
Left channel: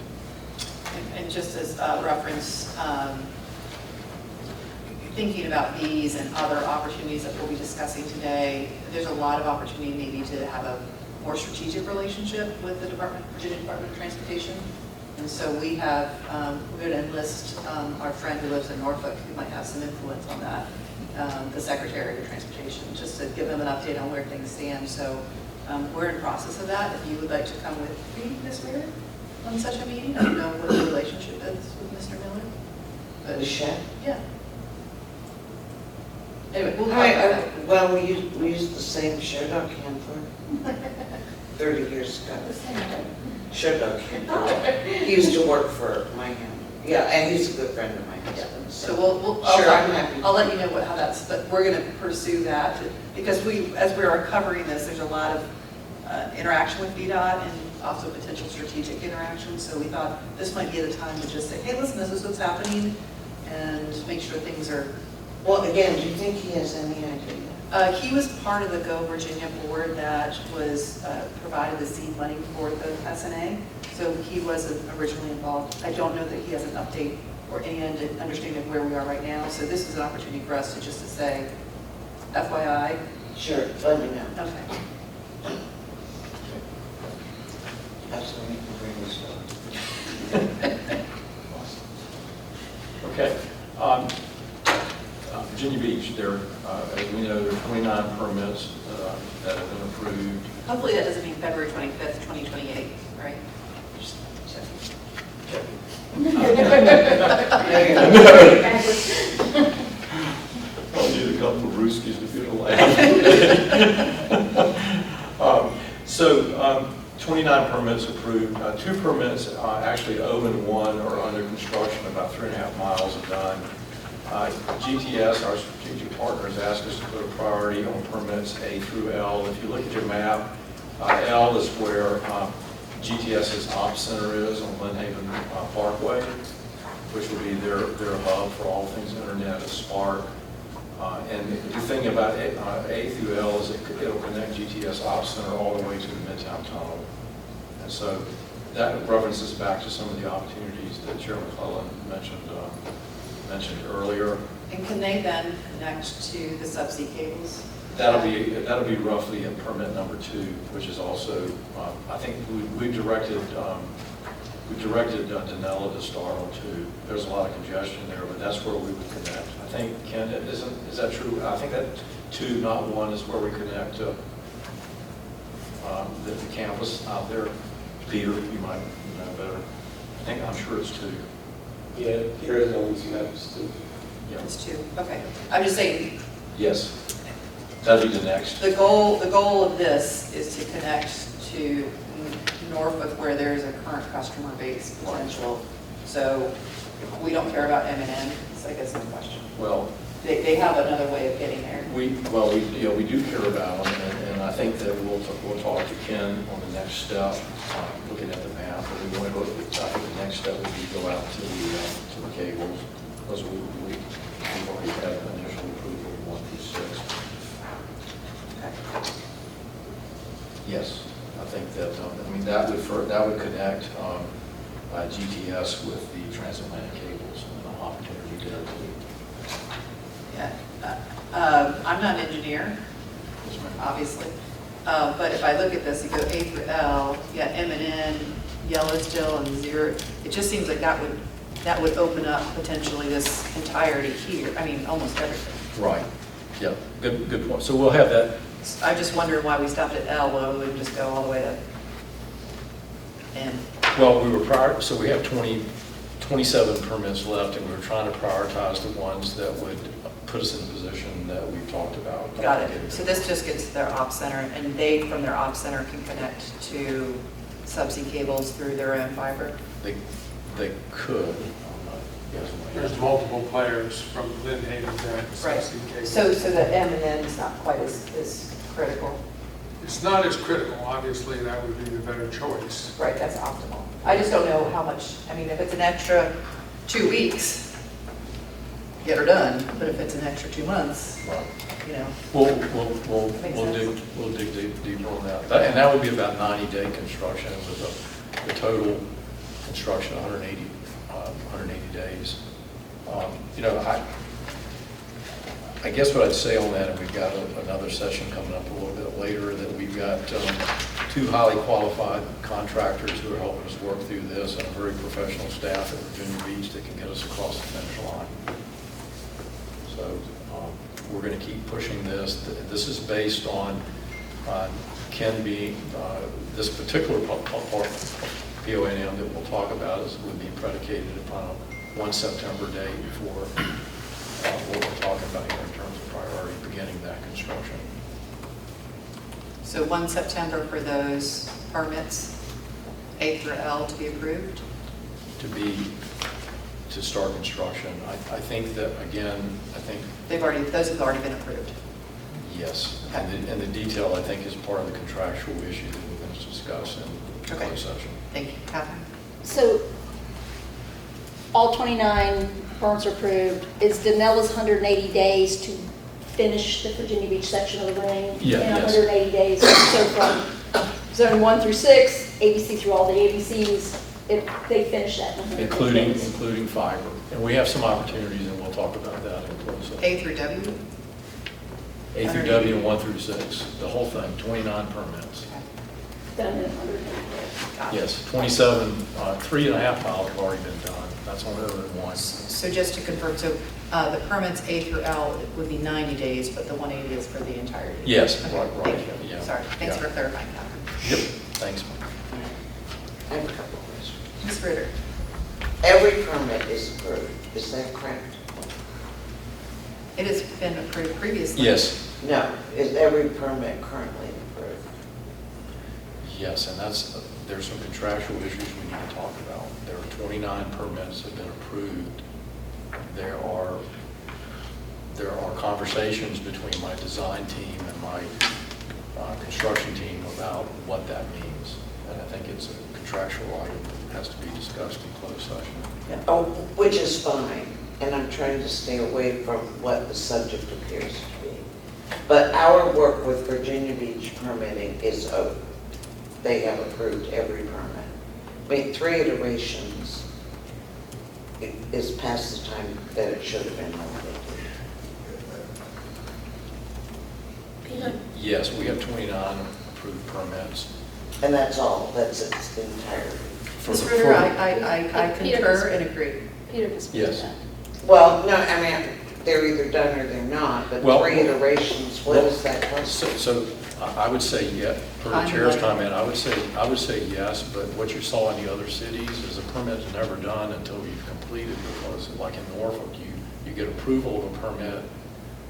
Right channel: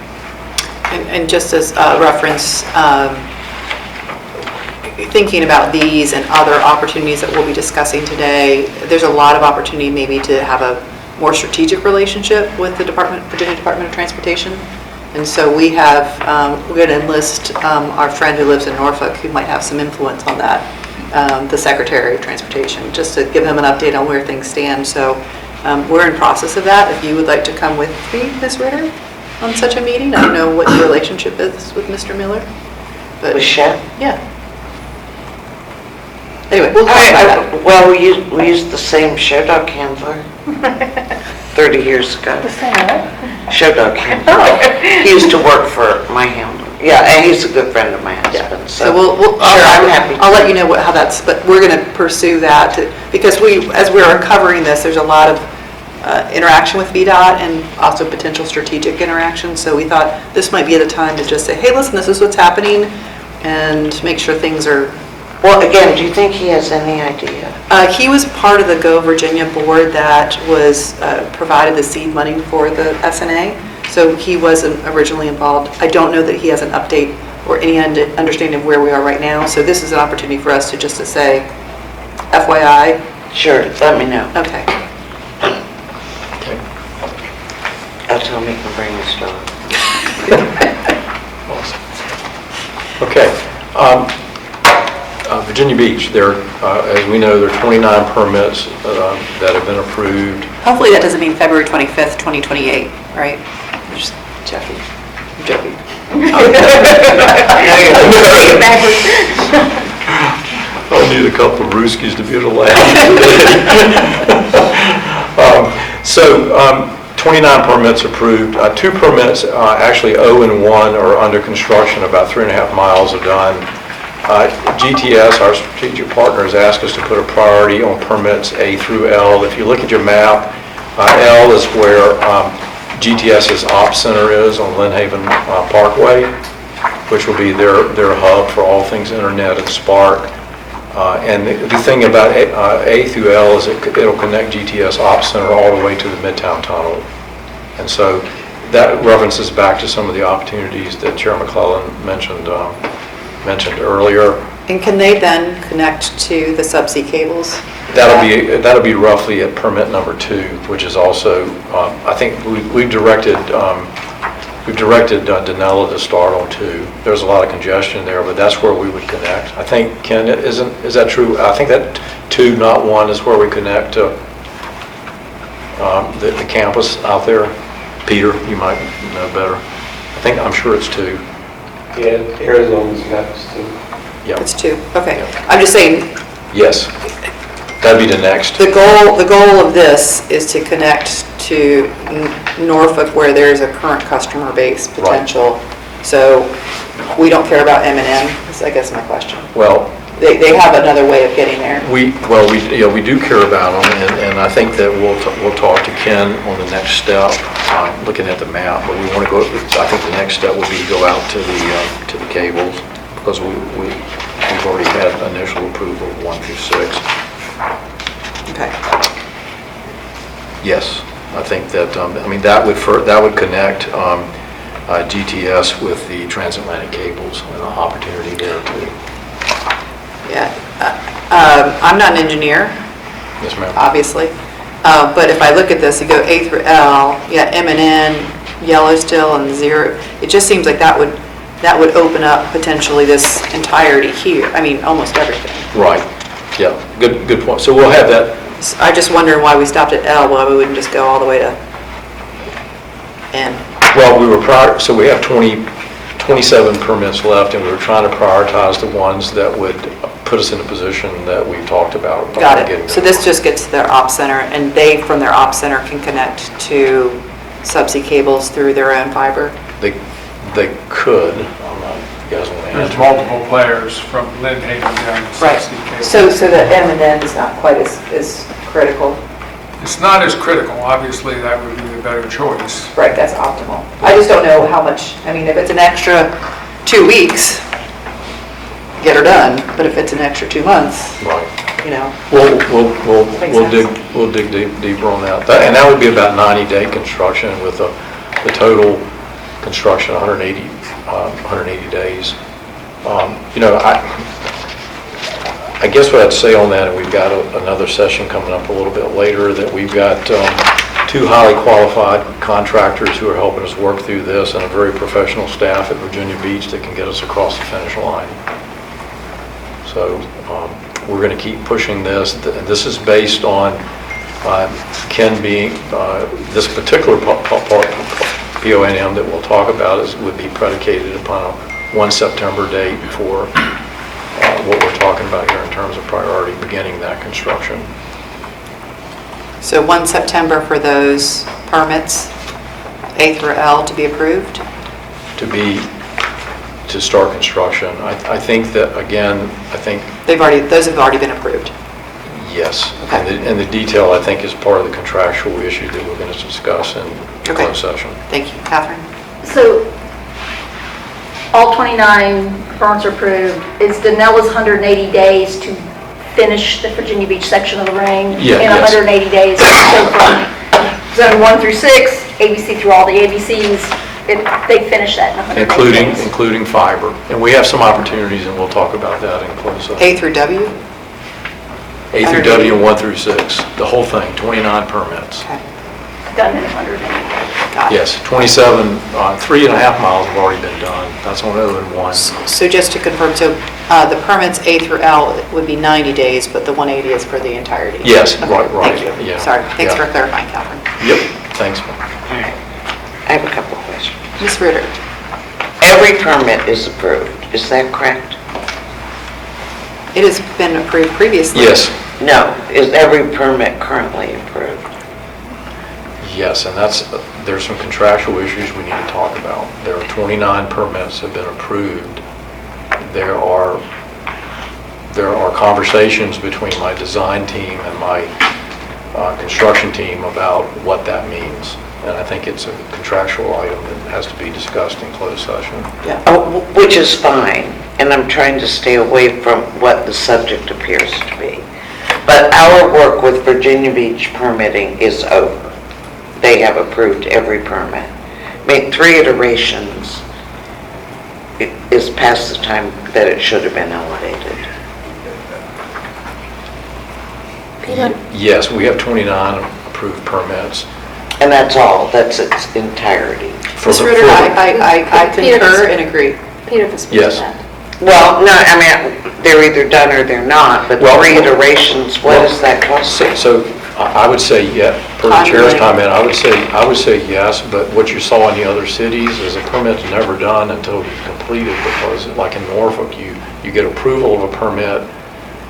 And just as a reference, thinking about these and other opportunities that we'll be discussing today, there's a lot of opportunity maybe to have a more strategic relationship with the Virginia Department of Transportation. And so we're going to enlist our friend who lives in Norfolk who might have some influence on that, the Secretary of Transportation, just to give him an update on where things stand. So we're in process of that. If you would like to come with me, Ms. Ritter, on such a meeting, I don't know what your relationship is with Mr. Miller. But With Shep? yeah. Anyway, we'll talk about that. Well, we used the same show dog handler 30 years ago. The same what? Show dog handler. He used to work for my handler. Yeah, and he's a good friend of my husband. So we'll I'm happy. I'll let you know how that's, but we're going to pursue that because as we're covering this, there's a lot of interaction with VDOT and also potential strategic interaction. So we thought this might be the time to just say, hey, listen, this is what's happening, and make sure things are. Well, again, do you think he has any idea? He was part of the Go Virginia board that was provided the seed money for the SNA. So he wasn't originally involved. I don't know that he has an update or any understanding of where we are right now. So this is an opportunity for us to say, FYI. Sure, let me know. Okay. I'll tell him he can bring his dog. Awesome. Okay. Virginia Beach, as we know, there are 29 permits that have been approved. Hopefully that doesn't mean February 25th, 2028, right? I'm just joking. I'm joking. I'll need a couple of Rooskies to be able to laugh. So 29 permits approved. 2 permits, actually 0 and 1, are under construction. About 3.5 miles are done. GTS, our strategic partner, has asked us to put a priority on permits A through L. If you look at your map, L is where GTS's Ops Center is on Lynn Haven Parkway, which will be their hub for all things internet and Spark. And the thing about A through L is it'll connect GTS Ops Center all the way to the Midtown Tunnel. And so that references back to some of the opportunities that Chair McClellan mentioned earlier. And can they then connect to the subsea cables? That'll be roughly at permit number 2, which is also, I think we've directed Denella to start on 2. There's a lot of congestion there, but that's where we would connect. I think, Ken, is that true? I think that 2, not 1, is where we connect to the campus out there. Peter, you might know better. I'm sure it's 2. Yeah, Arizona's next too. Yeah. It's 2. Okay. I'm just saying. Yes. That'd be the next. The goal of this is to connect to Norfolk, where there's a current customer base potential. Right. So we don't care about M&M, is I guess my question. Well, they have another way of getting there. We do care about them, and I think that we'll talk to Ken on the next step, looking at the map. But we want to go. I think the next step would be to go out to the cables, because we've already had initial approval of 1 through 6. Okay. Yes, I think that, I mean, that would connect GTS with the transatlantic cables and an opportunity there too. Yeah. I'm not an engineer, Yes, ma'am. obviously, but if I look at this, you go A through L, yeah, M and N, yellow still, and 0, it just seems like that would open up potentially this entirety here, I mean, almost everything. Right, yeah, good point. So we'll have that. I just wonder why we stopped at L, why we wouldn't just go all the way to N. Well, so we have 27 permits left, and we were trying to prioritize the ones that would put us in a position that we talked about. Got getting it. So this just gets to their op center, and they, from their op center, can connect to subsea cables through their own fiber? They could. I'm not, you guys want to There's answer? multiple players from Lynn Haven down to Right. Southside Cable. So the M and N is not quite as critical? It's not as critical, obviously, that would be the better choice. Right, that's optimal. I just don't know how much, I mean, if it's an extra 2 weeks, get her done, but if it's an extra 2 months, Right. you know. Makes We'll dig deeper on that. And that would be about 90-day construction with the total construction 180 days. You know, I guess what I'd say on that, and we've got another session coming up a little bit later, that we've got 2 highly qualified contractors who are helping us work through this, and a very professional staff at Virginia Beach that can get us across the finish line. So we're going to keep pushing this. This is based on Ken being, this particular PONM that we'll talk about would be predicated upon a 1 September date for what we're talking about here in terms of priority beginning that construction. So 1 September for those permits, A through L, to be approved? To start construction. I think that, again, Those have already been approved. yes. Okay. And the detail, I think, is part of the contractual issue that we're going to discuss in Okay. closed session. Thank you. Catherine? So all 29 permits are approved. Is Danella's 180 days to finish the Virginia Beach section of the ring? Yeah, In yes. 180 days, so from zone 1 through 6, ABC through all the ABCs, they finish that in 180 days? Including fiber. And we have some opportunities, and we'll talk about that in closed session. A through W? A through W and 1 through 6, the whole thing, 29 permits. Okay. Done in 180 days. Got it. Yes, 27, 3.5 miles have already been done. That's on other than 1. So just to confirm, so the permits A through L would be 90 days, but the 180 is for the entirety? Yes, Okay, right, Thank you. yeah, Sorry, thanks yeah. for clarifying, Catherine. Yep, thanks. All right. I have a couple of questions. Ms. Ritter? Every permit is approved, is that correct? It has been approved previously. Yes, No, is every permit currently approved? yes, and there's some contractual issues we need to talk about. There are 29 permits that have been approved. There are conversations between my design team and my construction team about what that means. And I think it's a contractual item that has to be discussed in closed session. Yeah. Oh, which is fine, and I'm trying to stay away from what the subject appears to be. But our work with Virginia Beach permitting is over. They have approved every permit. Made 3 iterations. It is past the time that it should have been elevated. Peter? Yes, we have 29 approved permits. And that's all, that's its entirety. Ms. Ritter, I concur and agree. Peter can speak to Yes. that. Well, no, I mean, they're either done or they're not, but Well, 3 iterations, what does that cost? So I would say, yeah, per the chair's comment, I would say yes, but what you saw in the other cities is a permit's never done until it's completed, because like in Norfolk, you get approval of a permit,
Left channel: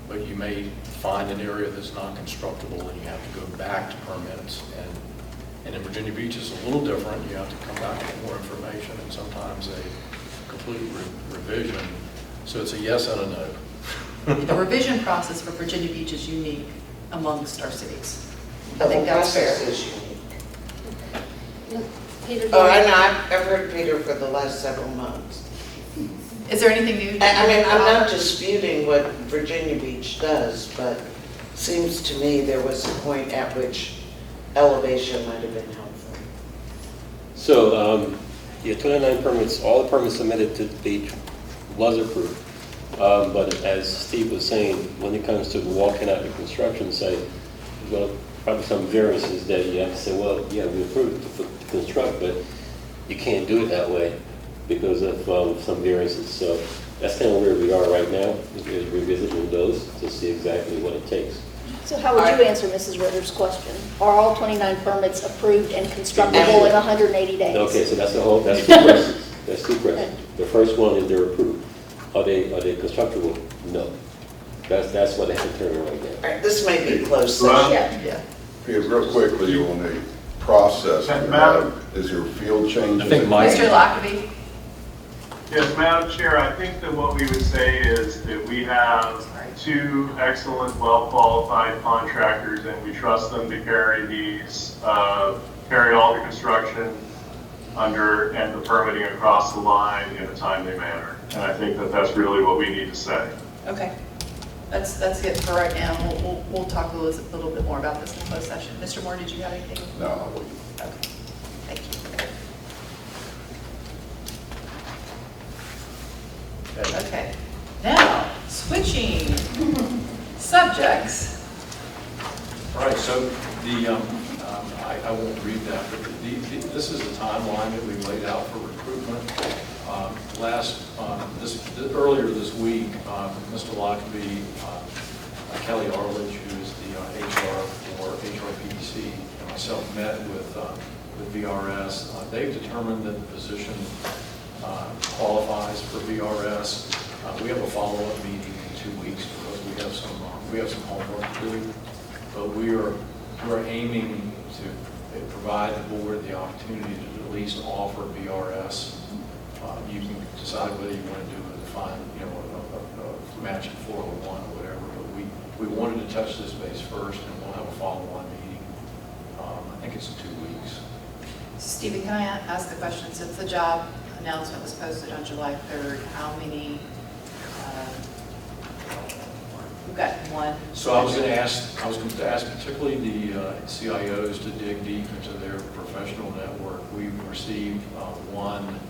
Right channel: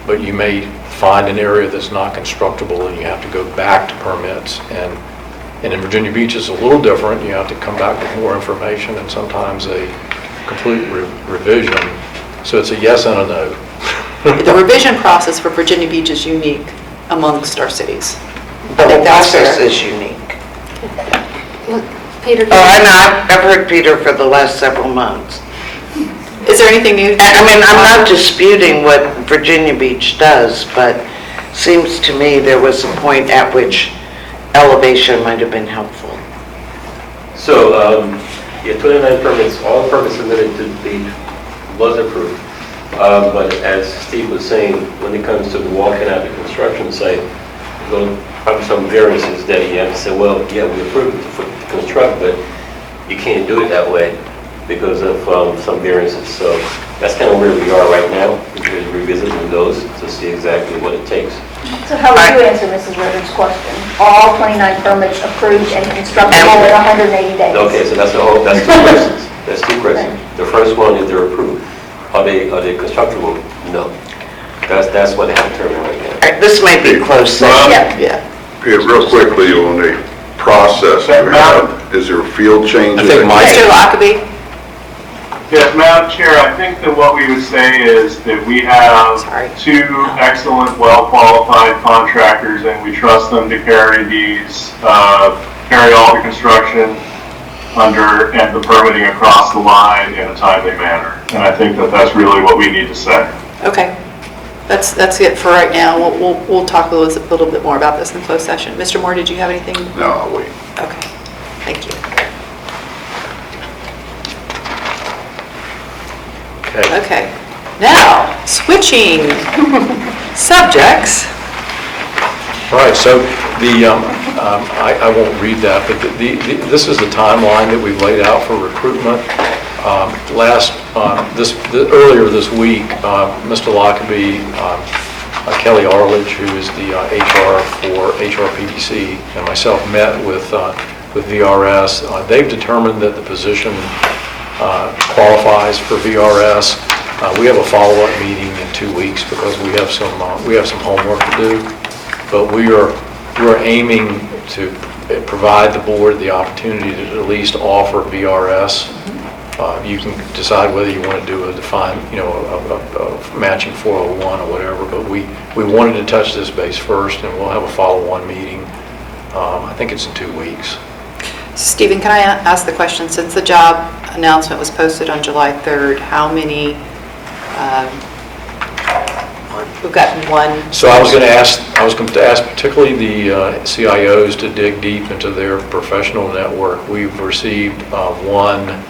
but you may find an area that's not constructible and you have to go back to permits. And in Virginia Beach, it's a little different. You have to come back with more information and sometimes a complete revision. So it's a yes and a no. The revision process for Virginia Beach is unique amongst our cities. The I think whole that's process fair. is unique. Look, Peter, Oh, I know, I've heard Peter for the last several months. Is there anything new? I mean, I'm not disputing what Virginia Beach does, but seems to me there was a point at which elevation might have been helpful. So, yeah, 29 permits, all the permits submitted to the was approved. But as Steve was saying, when it comes to the walking out the construction site, there's going to probably some variances that you have to say, well, yeah, we approved it to construct, but you can't do it that way because of some variances. So that's kind of where we are right now. We're revisiting those to see exactly what it takes. So how would you answer Mrs. Richards' question? All 29 permits approved and constructible in 180 days? Okay, so that's two questions. That's two questions. The first one is they're approved. Are they constructible? No. That's what they have to determine right now. All right, this might be close. Rob? Yeah. Yeah. Yeah, real quickly on the process, is there field changes? I think Mike- Mr. Lockaby? Yes, Madam Chair, I think that what we would say is that we have Sorry. 2 excellent, well-qualified contractors, and we trust them to carry carry all the construction and the permitting across the line in a timely manner. And I think that that's really what we need to say. Okay. That's it for right now. We'll talk a little bit more about this in closed session. Mr. Moore, did you have anything? No, I'll wait. Okay. Thank you. Okay. Now, switching subjects. All right, so I won't read that, but this is the timeline that we've laid out for recruitment. Earlier this week, Mr. Lockaby, Kelly Arledge, who is the HR for HRPDC, and myself met with VRS. They've determined that the position qualifies for VRS. We have a follow-up meeting in 2 weeks because we have some homework to do. But we're aiming to provide the board the opportunity to at least offer VRS. You can decide whether you want to do a defined, a matching 401 or whatever, but we wanted to touch this base first, and we'll have a follow-on meeting. I think it's in 2 weeks. Stephen, can I ask the question, since the job announcement was posted on July 3rd, how many, we've gotten one? So I was going to ask particularly the CIOs to dig deep into their professional network. We've received one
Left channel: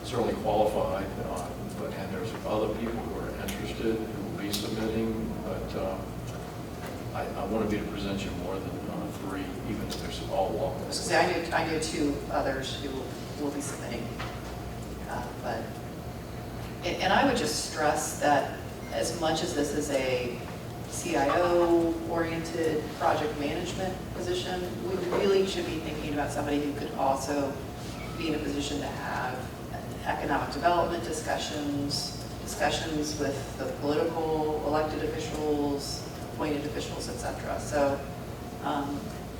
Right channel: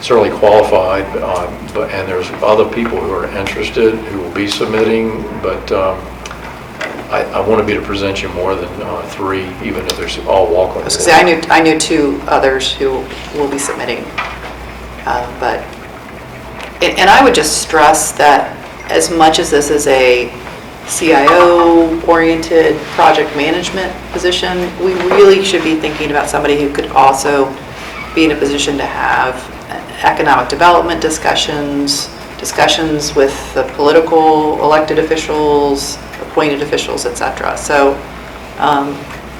certainly qualified, and there's other people who are interested who will be submitting, but I want to be able to present you more than 3, even if there's all walk-on. I knew 2 others who will be submitting, and I would just stress that as much as this is a CIO-oriented project management position, we really should be thinking about somebody who could also be in a position to have economic development discussions with the political elected officials, appointed officials, etc. So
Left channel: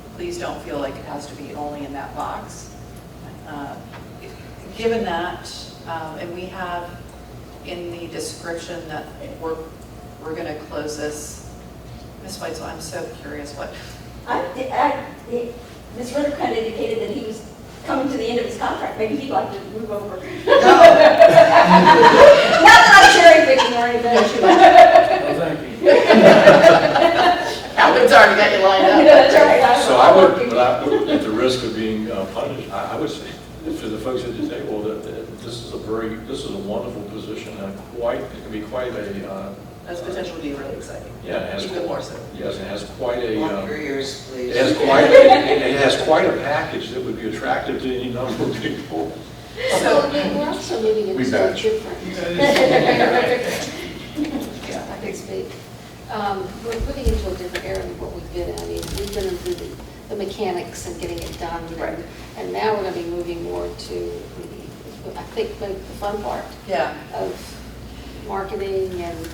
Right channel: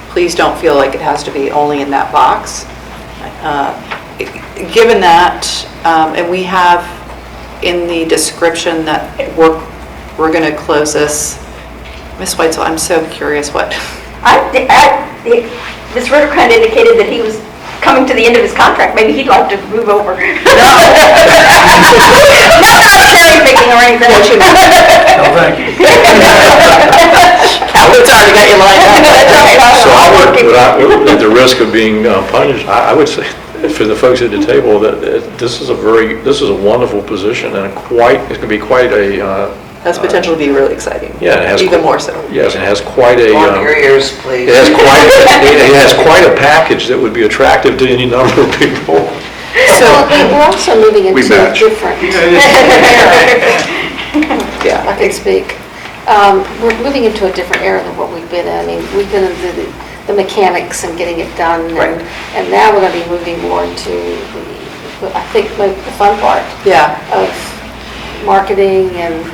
please don't feel like it has to be only in that box. Given that, and we have in the description that we're going to close this. Ms. Weitzel, I'm so curious what. Ms. Ritter kind of indicated that he was coming to the end of his contract. Maybe he'd like to move over. No. Not cherry picking or anything. No, thank you. Calvin's already got you lined up. So at the risk of being punished, I would say for the folks at the table that this is a wonderful position, and it's going to be quite a. Has potential to be really exciting. Yeah, it has even more so. Yes, it has quite a. On your ears, please. It has quite a package that would be attractive to any number of people. So we're also moving into match. different. Yeah, I can speak. We're moving into a different era than what we've been in. I mean, we've been into the mechanics and getting it done, Right. and now we're going to be moving more into, I think, the fun part yeah. of marketing and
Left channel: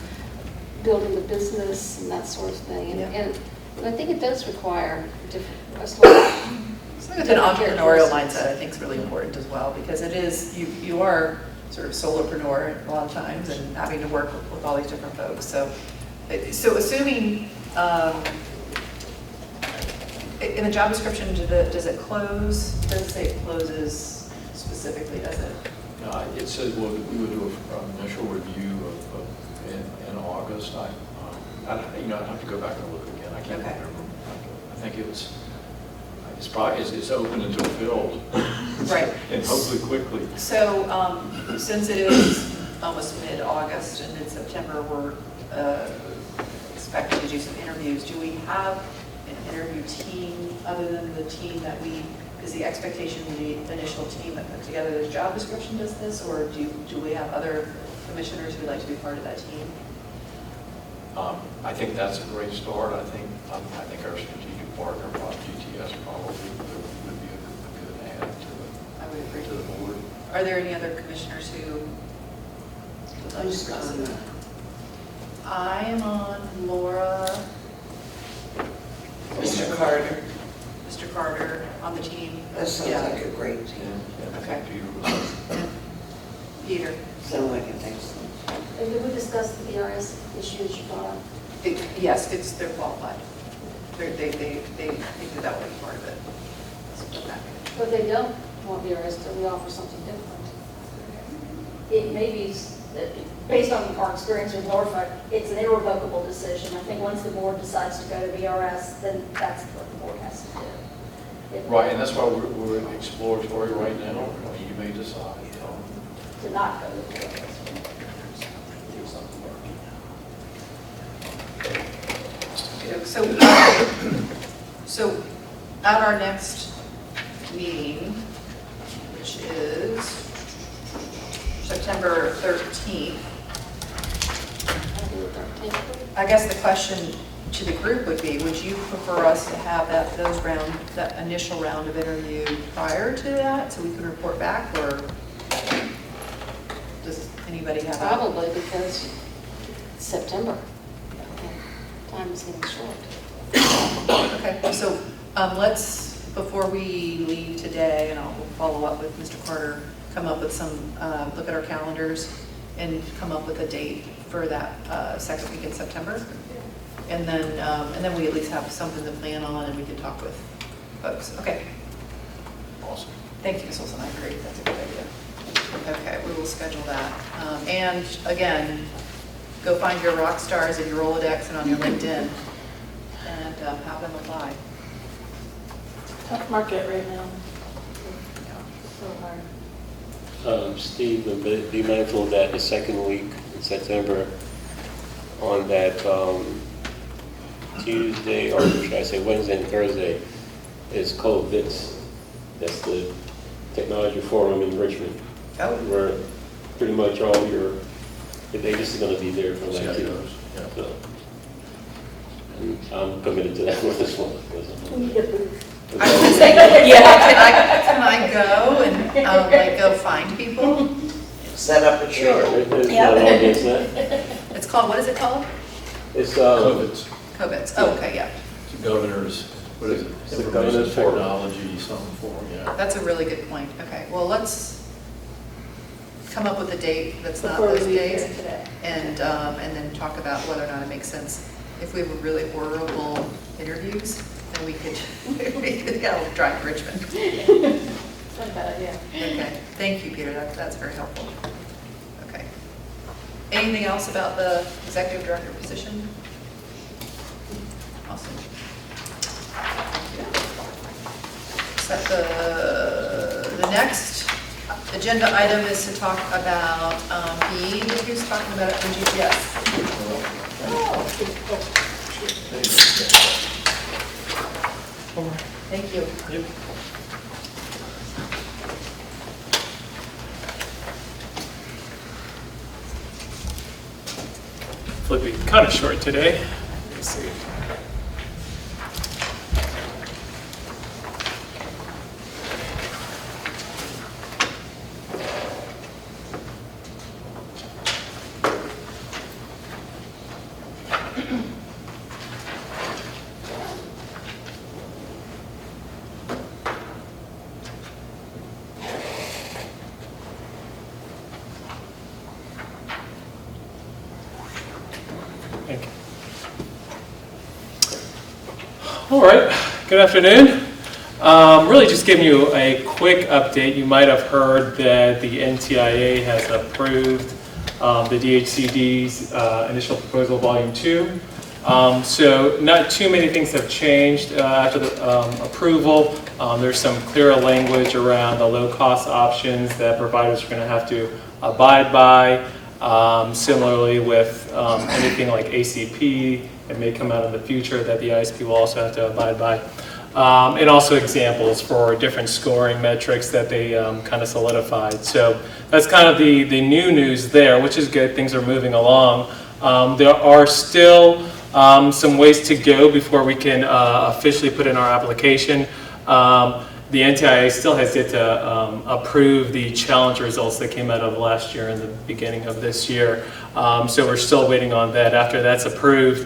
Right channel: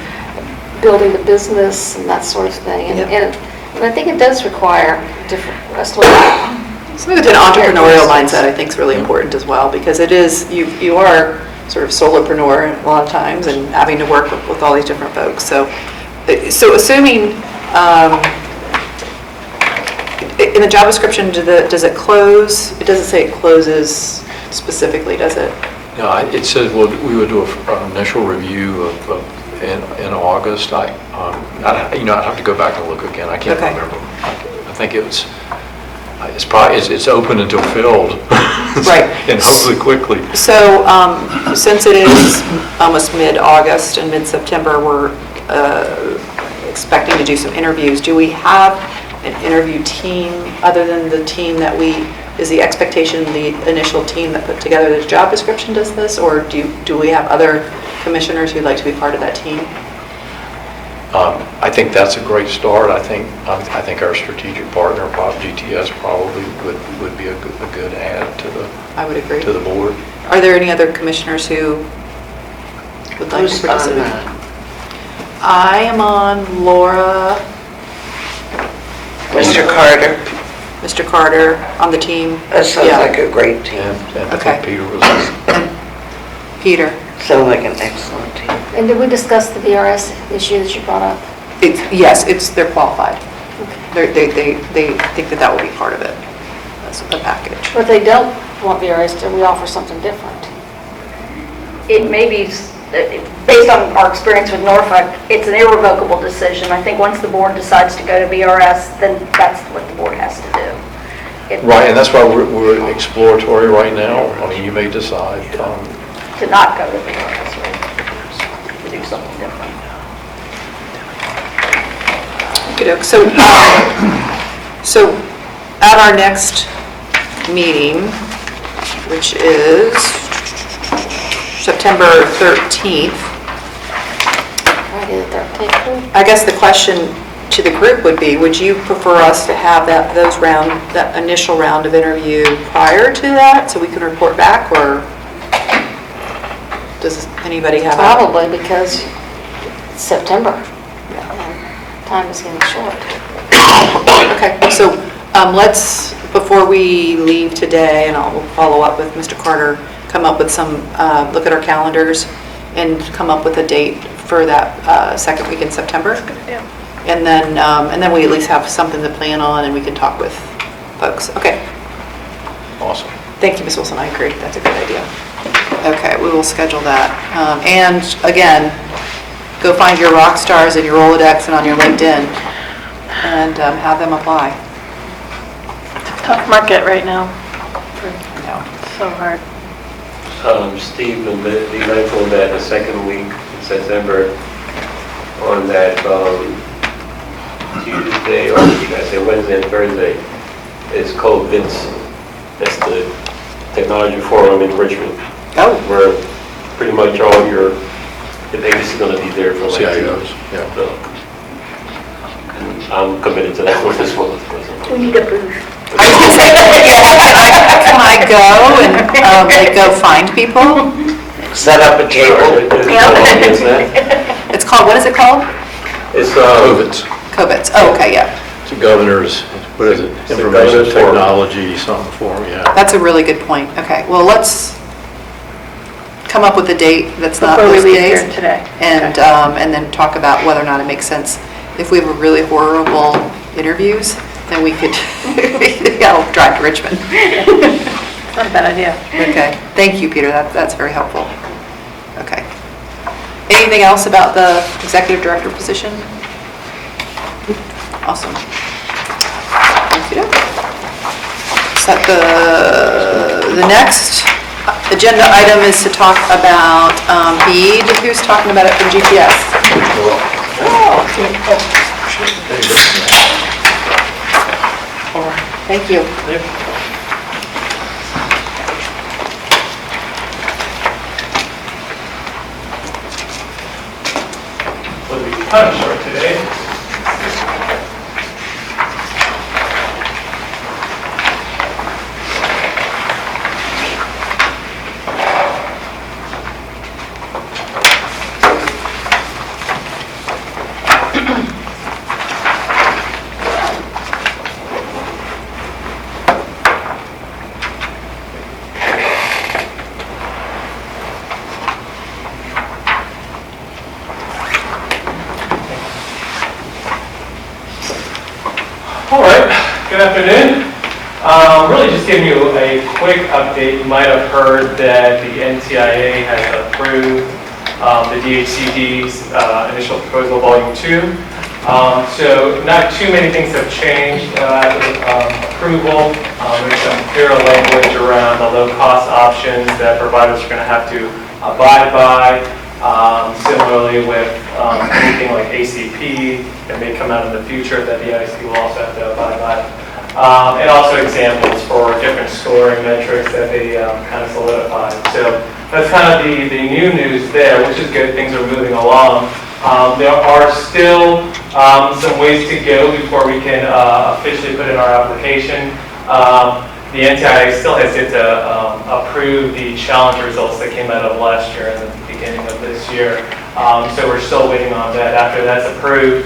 building the business and that sort of thing. And, Yeah. and I think it does require different, us looking at Something with an entrepreneurial mindset, I think, is really important as well, because it is, you are sort of solopreneur a lot of times and having to work with all these different folks. So assuming, in the job description, does it close? It doesn't say it closes specifically, does it? No, it says we would do an initial review in August. I'd have to go back and look again. I can't Okay. remember. think it's probably, it's open until filled. Right. And hopefully quickly. So since it is almost mid-August and mid-September, we're expecting to do some interviews. Do we have an interview team other than the team that is the expectation the initial team that put together the job description does this? Or do we have other commissioners who'd like to be part of that team? I think that's a great start. I think our strategic partner, GTS, probably would be a good add to the. I would agree. To the board. Are there any other commissioners who would like Who's to participate? on that? I am on, Laura, Mr. Carter? Mr. Carter on the team. That sounds Yeah. like a great team. And I Okay. think Peter was. And Peter. Sounds like an excellent team. And did we discuss the VRS issue that you brought up? Yes, they're qualified. They think that will be part of it, as a package. But if they don't want VRS, then we offer something different. It may be, based on our experience with Norfolk, it's an irrevocable decision. I think once the board decides to go to VRS, then that's what the board has to do. Right, and that's why we're exploratory right now. I mean, you may decide. To not go to VRS, or to do something different. Okey-doke. So at our next meeting, which is September 13th, Friday the 13th. I guess the question to the group would be, would you prefer us to have that initial round of interview prior to that, so we can report back, or does anybody have? Probably because it's September. And time is getting short. Okay, so let's, before we leave today, and I'll follow up with Mr. Carter, come up with some, look at our calendars and come up with a date for that second week in September. And then we at least have something to plan on and we can talk with folks. Okay. Awesome. Thank you, Ms. Wilson. I agree. That's a good idea. Okay, we will schedule that. And again, go find your rock stars in your Rolodex and on your LinkedIn and have them apply. Tough market right now. No. So hard. Steve, be mindful that the second week in September, on that Tuesday, or you guys say Wednesday and Thursday, it's called BITS. That's the Technology Forum in Richmond. Oh. Where pretty much all the biggest is going to be there for like 2 CIOs, hours. yeah. So, and I'm committed to that one as well. We need a booth. I was gonna say, can I go and like go find people? Set up a table. It's called, what is it called? It's COVID's. Oh, okay, yeah. It's the governor's, what is it? It's the Information governor's forum. technology, something for them, yeah. That's a really good point. Okay, well, let's come up with a date that's not Before we those leave days. here today. And then talk about whether or not it makes sense. If we have a really horrible interviews, then we could, I'll drive to Richmond. Not a bad idea. Okay, thank you, Peter, that's very helpful. Okay. Anything else about the executive director position? Awesome. Thank you. So the next agenda item is to talk about BEAD. Who's talking about it from GPS? Thank you. It'll be kind of short today. All right, good afternoon. Really just giving you a quick update. You might have heard that the NTIA has approved the DHCD's initial proposal, Volume 2. So not too many things have changed after the approval. There's some clearer language around the low-cost options that providers are going to have to abide by. Similarly with anything like ACP that may come out in the future that the ISP will also have to abide by. And also examples for different scoring metrics that they kind of solidified. So that's kind of the new news there, which is good. Things are moving along. There are still some ways to go before we can officially put in our application. The NTIA still has yet to approve the challenge results that came out of last year and the beginning of this year. So we're still waiting on that. After that's approved,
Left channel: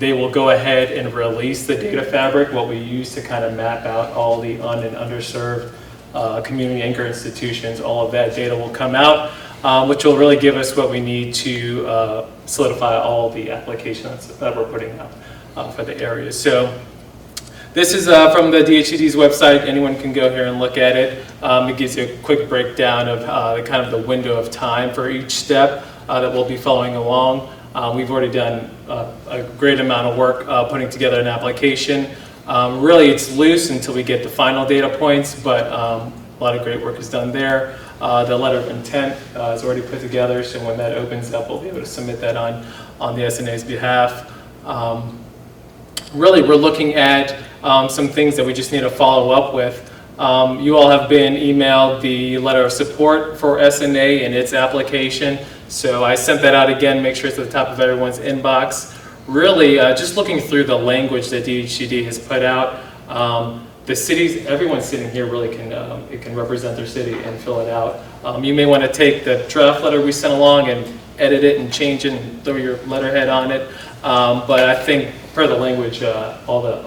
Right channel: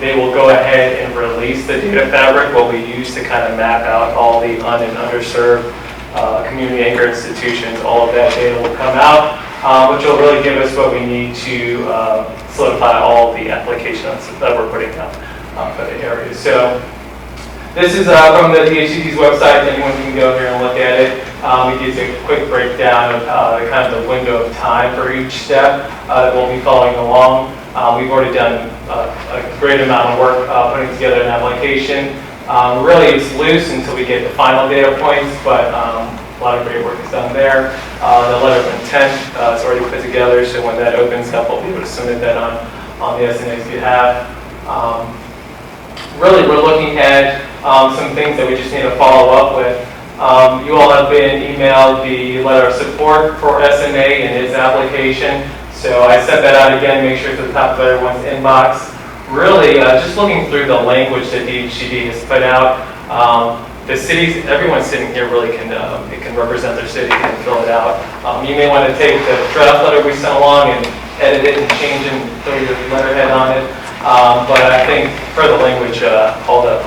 they will go ahead and release the data fabric, what we use to kind of map out all the and underserved community anchor institutions. All of that data will come out, which will really give us what we need to solidify all the applications that we're putting out for the areas. So this is from the DHCD's website. Anyone can go here and look at it. It gives a quick breakdown of kind of the window of time for each step that we'll be following along. We've already done a great amount of work putting together an application. Really, it's loose until we get the final data points, but a lot of great work is done there. The letter of intent is already put together, so when that opens up, we'll be able to submit that on the SNA's behalf. Really, we're looking at some things that we just need to follow up with. You all have been emailed the letter of support for SMA and its application. So I sent that out again, make sure it's at the top of everyone's inbox. Really, just looking through the language that DHCD has put out, the cities, everyone sitting here really can represent their city and fill it out. You may want to take the draft letter we sent along and edit it and change it and throw your letterhead on it. But I think per the language, all the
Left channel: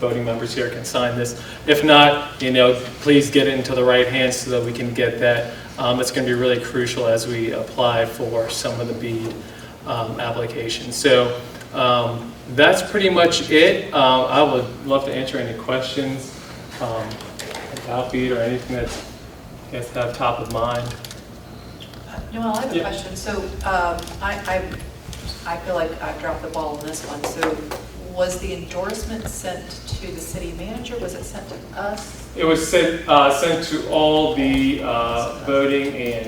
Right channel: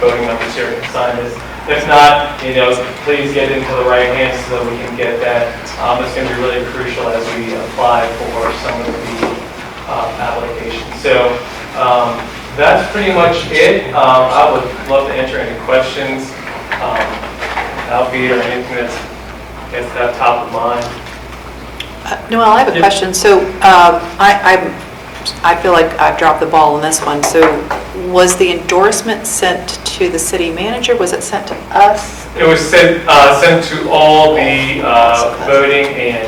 voting members here can sign this. If not, please get it into the right hands so that we can get that. It's going to be really crucial as we apply for some of the applications. So that's pretty much it. I would love to answer any questions, Alfie, or anything that's at top of mind. Noel, I have a question. So I feel like I've dropped the ball on this one. So was the endorsement sent to the city manager? Was it sent to us? It was sent to all the voting and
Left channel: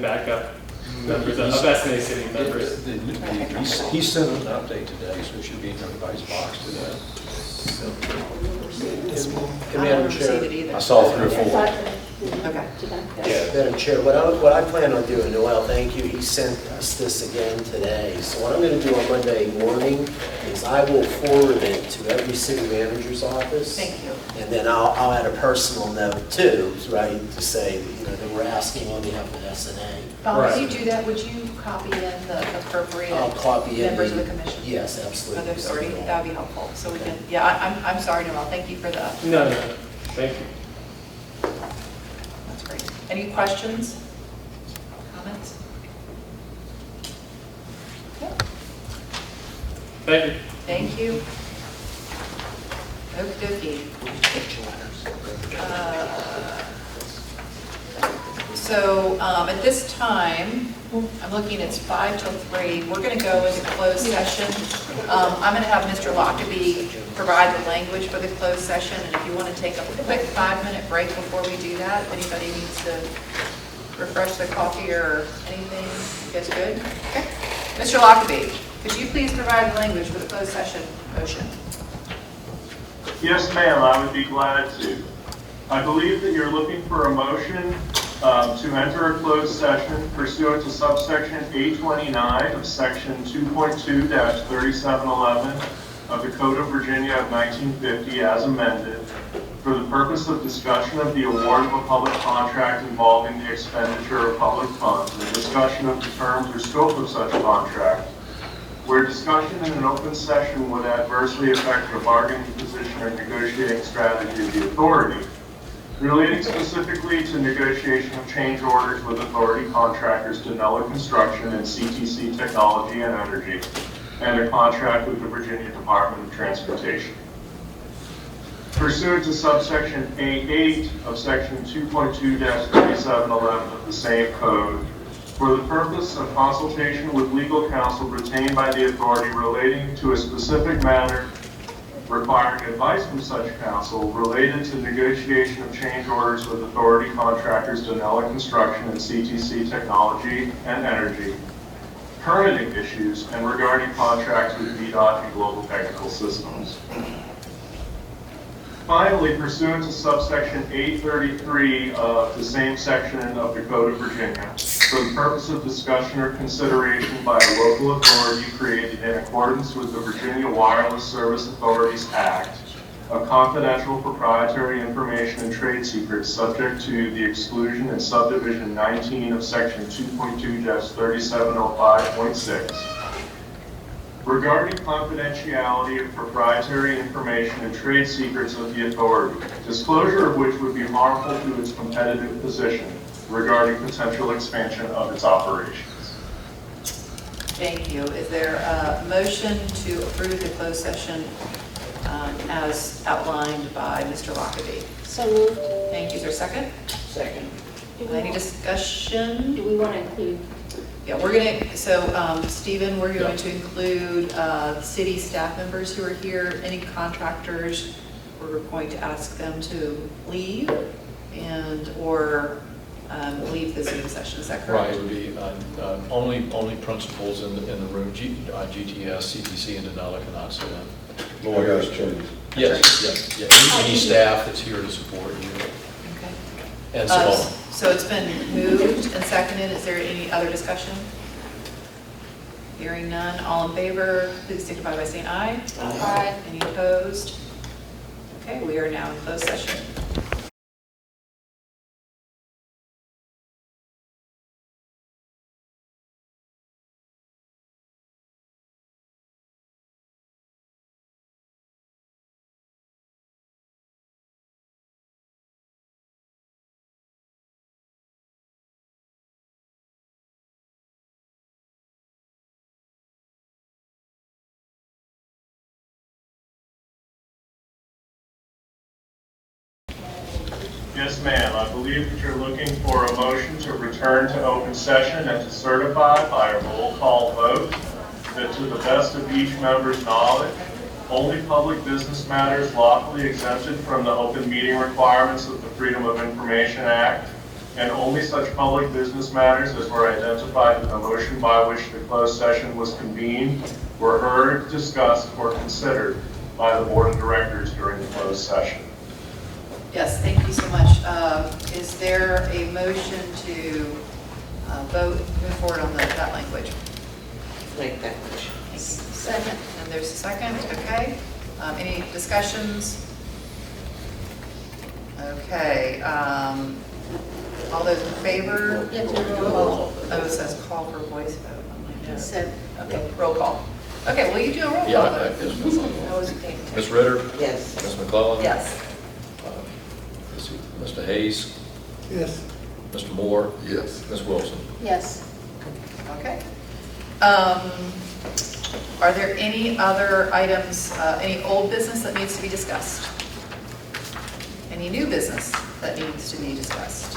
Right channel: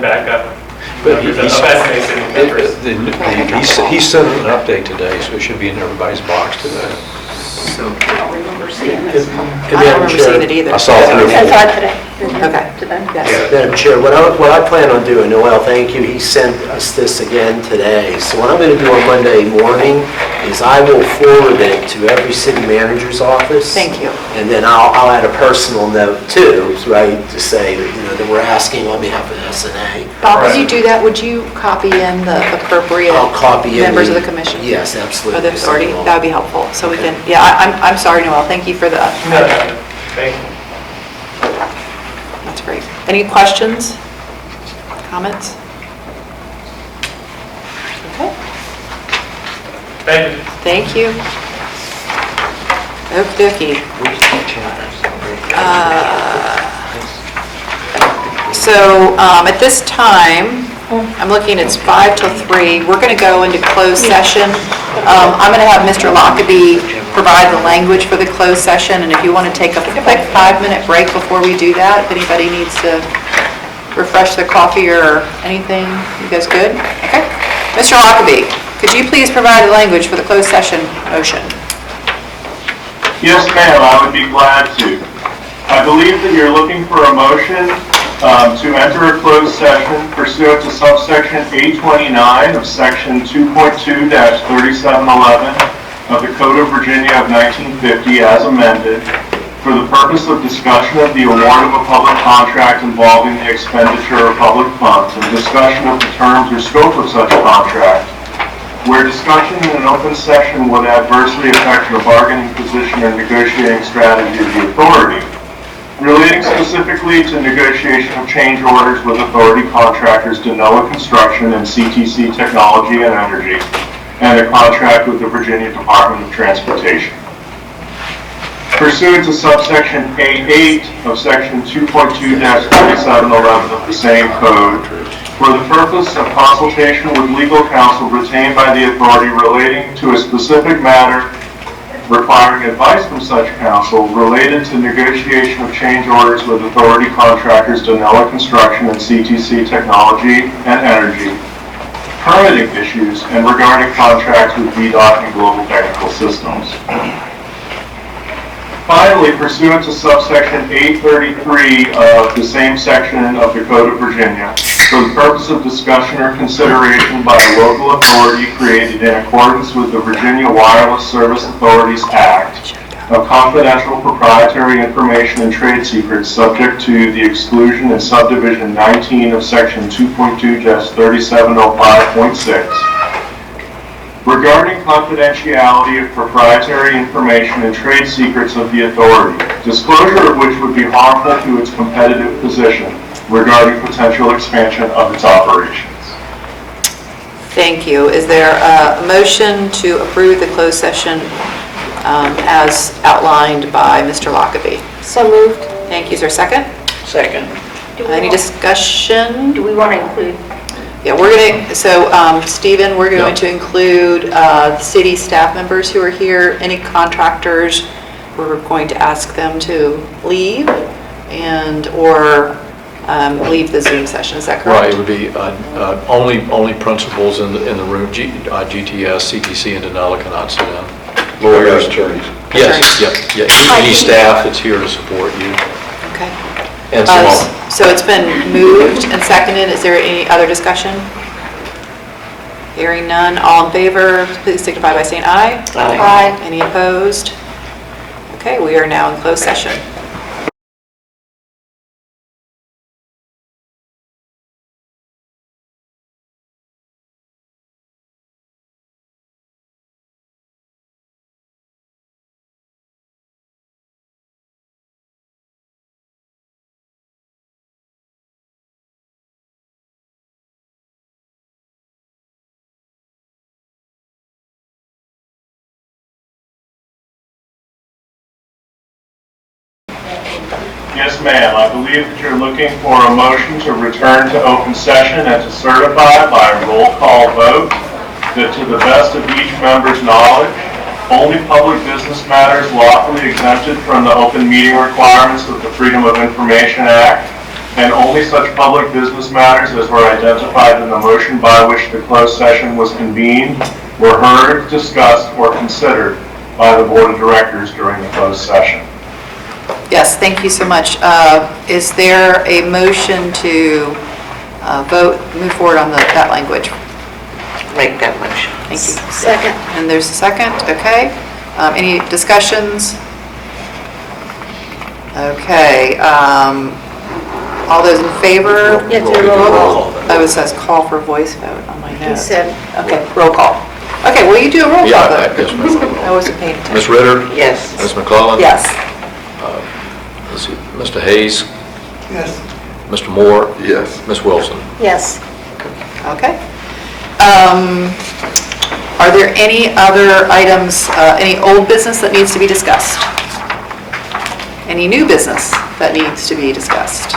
backup members of SNA city members. He sent an update today, so it should be in everybody's box today. I don't remember seeing this one. I don't remember seeing it either. I saw it through. I saw it today. Okay. Yes. Madam Chair, what I plan on doing, Noel, thank you, he sent us this again today. So what I'm going to do on Monday morning is I will forward it to every city manager's office. Thank you. And then I'll add a personal note too, right, to say that we're asking on behalf of SNA. Bob, would you do that? Would you copy in the appropriate I'll copy in members of the commission? Yes, absolutely. Or the authority? That would be helpful. So we can, I'm sorry, Noel. Thank you for the. No, thank you. That's great. Any questions? Comments? Okay. Thank you. Thank you. Okey dokey. So at this time, I'm looking, it's 2:55 till 3:00. We're going to go into closed session. I'm going to have Mr. Lockaby provide the language for the closed session, and if you want to take a quick 5-minute break before we do that, if anybody needs to refresh their coffee or anything, you guys good? Okay. Mr. Lockaby, could you please provide the language for the closed session motion? Yes, ma'am, I would be glad to. I believe that you're looking for a motion to enter a closed session pursuant to subsection A29 of section 2.2-3711 of the Code of Virginia of 1950 as amended for the purpose of discussion of the award of a public contract involving the expenditure of public funds and discussion of the terms or scope of such contract, where discussion in an open session would adversely affect the bargaining position or negotiating strategy of the authority, relating specifically to negotiation of change orders with authority contractors Denoa Construction and CTC Technology and Energy, and a contract with the Virginia Department of Transportation. Pursuant to subsection A8 of section 2.2-3711 of the same code, for the purpose of consultation with legal counsel retained by the authority relating to a specific matter requiring advice from such counsel related to negotiation of change orders with authority contractors Donella Construction and CTC Technology and Energy, permitting issues, and regarding contracts with VDOT and Global Technical Systems. Finally, pursuant to subsection 833 of the same section of the Code of Virginia, for the purpose of discussion or consideration by a local authority created in accordance with the Virginia Wireless Service Authorities Act, of confidential proprietary information and trade secrets subject to the exclusion in subdivision 19 of section 2.2-3705.6, regarding confidentiality of proprietary information and trade secrets of the authority, disclosure of which would be harmful to its competitive position regarding potential expansion of its operations. Thank you. Is there a motion to approve the closed session as outlined by Mr. Lockaby? So moved. Thank you. Is there a second? Second. Any discussion? Do we want to include? Yeah, we're going to, so Stephen, we're going to include the city staff members who are here, any contractors, we're going to ask them to leave or leave the Zoom session, is that correct? Right, it would be only principals in the room, GTS, CTC, and Denali cannot sit in. Lawyers, attorneys. Yes, yeah, any staff that's here to support you. Okay. And some more. So it's been moved and seconded. Is there any other discussion? Hearing none. All in favor, please signify by saying aye. Aye. Any opposed? Okay, we are now in closed session. Yes, ma'am. I believe that you're looking for a motion to return to open session and to certify by a roll call vote that to the best of each member's knowledge, only public business matters lawfully exempted from the open meeting requirements of the Freedom of Information Act, and only such public business matters as were identified in the motion by which the closed session was convened were heard, discussed, or considered by the Board of Directors during the closed session. Yes, thank you so much. Is there a motion to move forward on that language? Make that motion. Thank you. Second. And there's a second, okay. Any discussions? Okay. All those in favor? Yeah, do a roll call. Oh, it says call for voice vote on my He note. said, Okay, roll call. Okay, will you do a roll call Yeah, vote? yes, ma'am. I wasn't paying attention. Ms. Ritter? Yes. Ms. McClellan? Yes. Let's see, Mr. Hayes? Yes. Mr. Moore? Yes. Ms. Wilson? yes. Okay. Are there any other items, any old business that needs to be discussed? Any new business that needs to be discussed?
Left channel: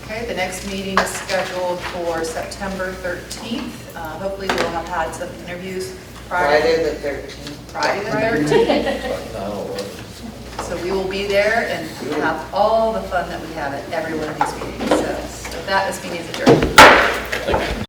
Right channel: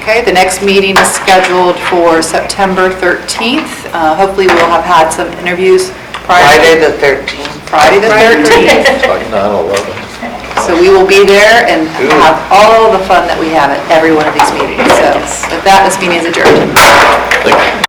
Okay, the next meeting is scheduled for September 13th. Hopefully we'll have had some interviews prior. Friday the 13th. Friday the 13th. It's like 9/11. So we will be there and have all the fun that we have at every one of these meetings. So with that, this meeting is adjourned. Thank you.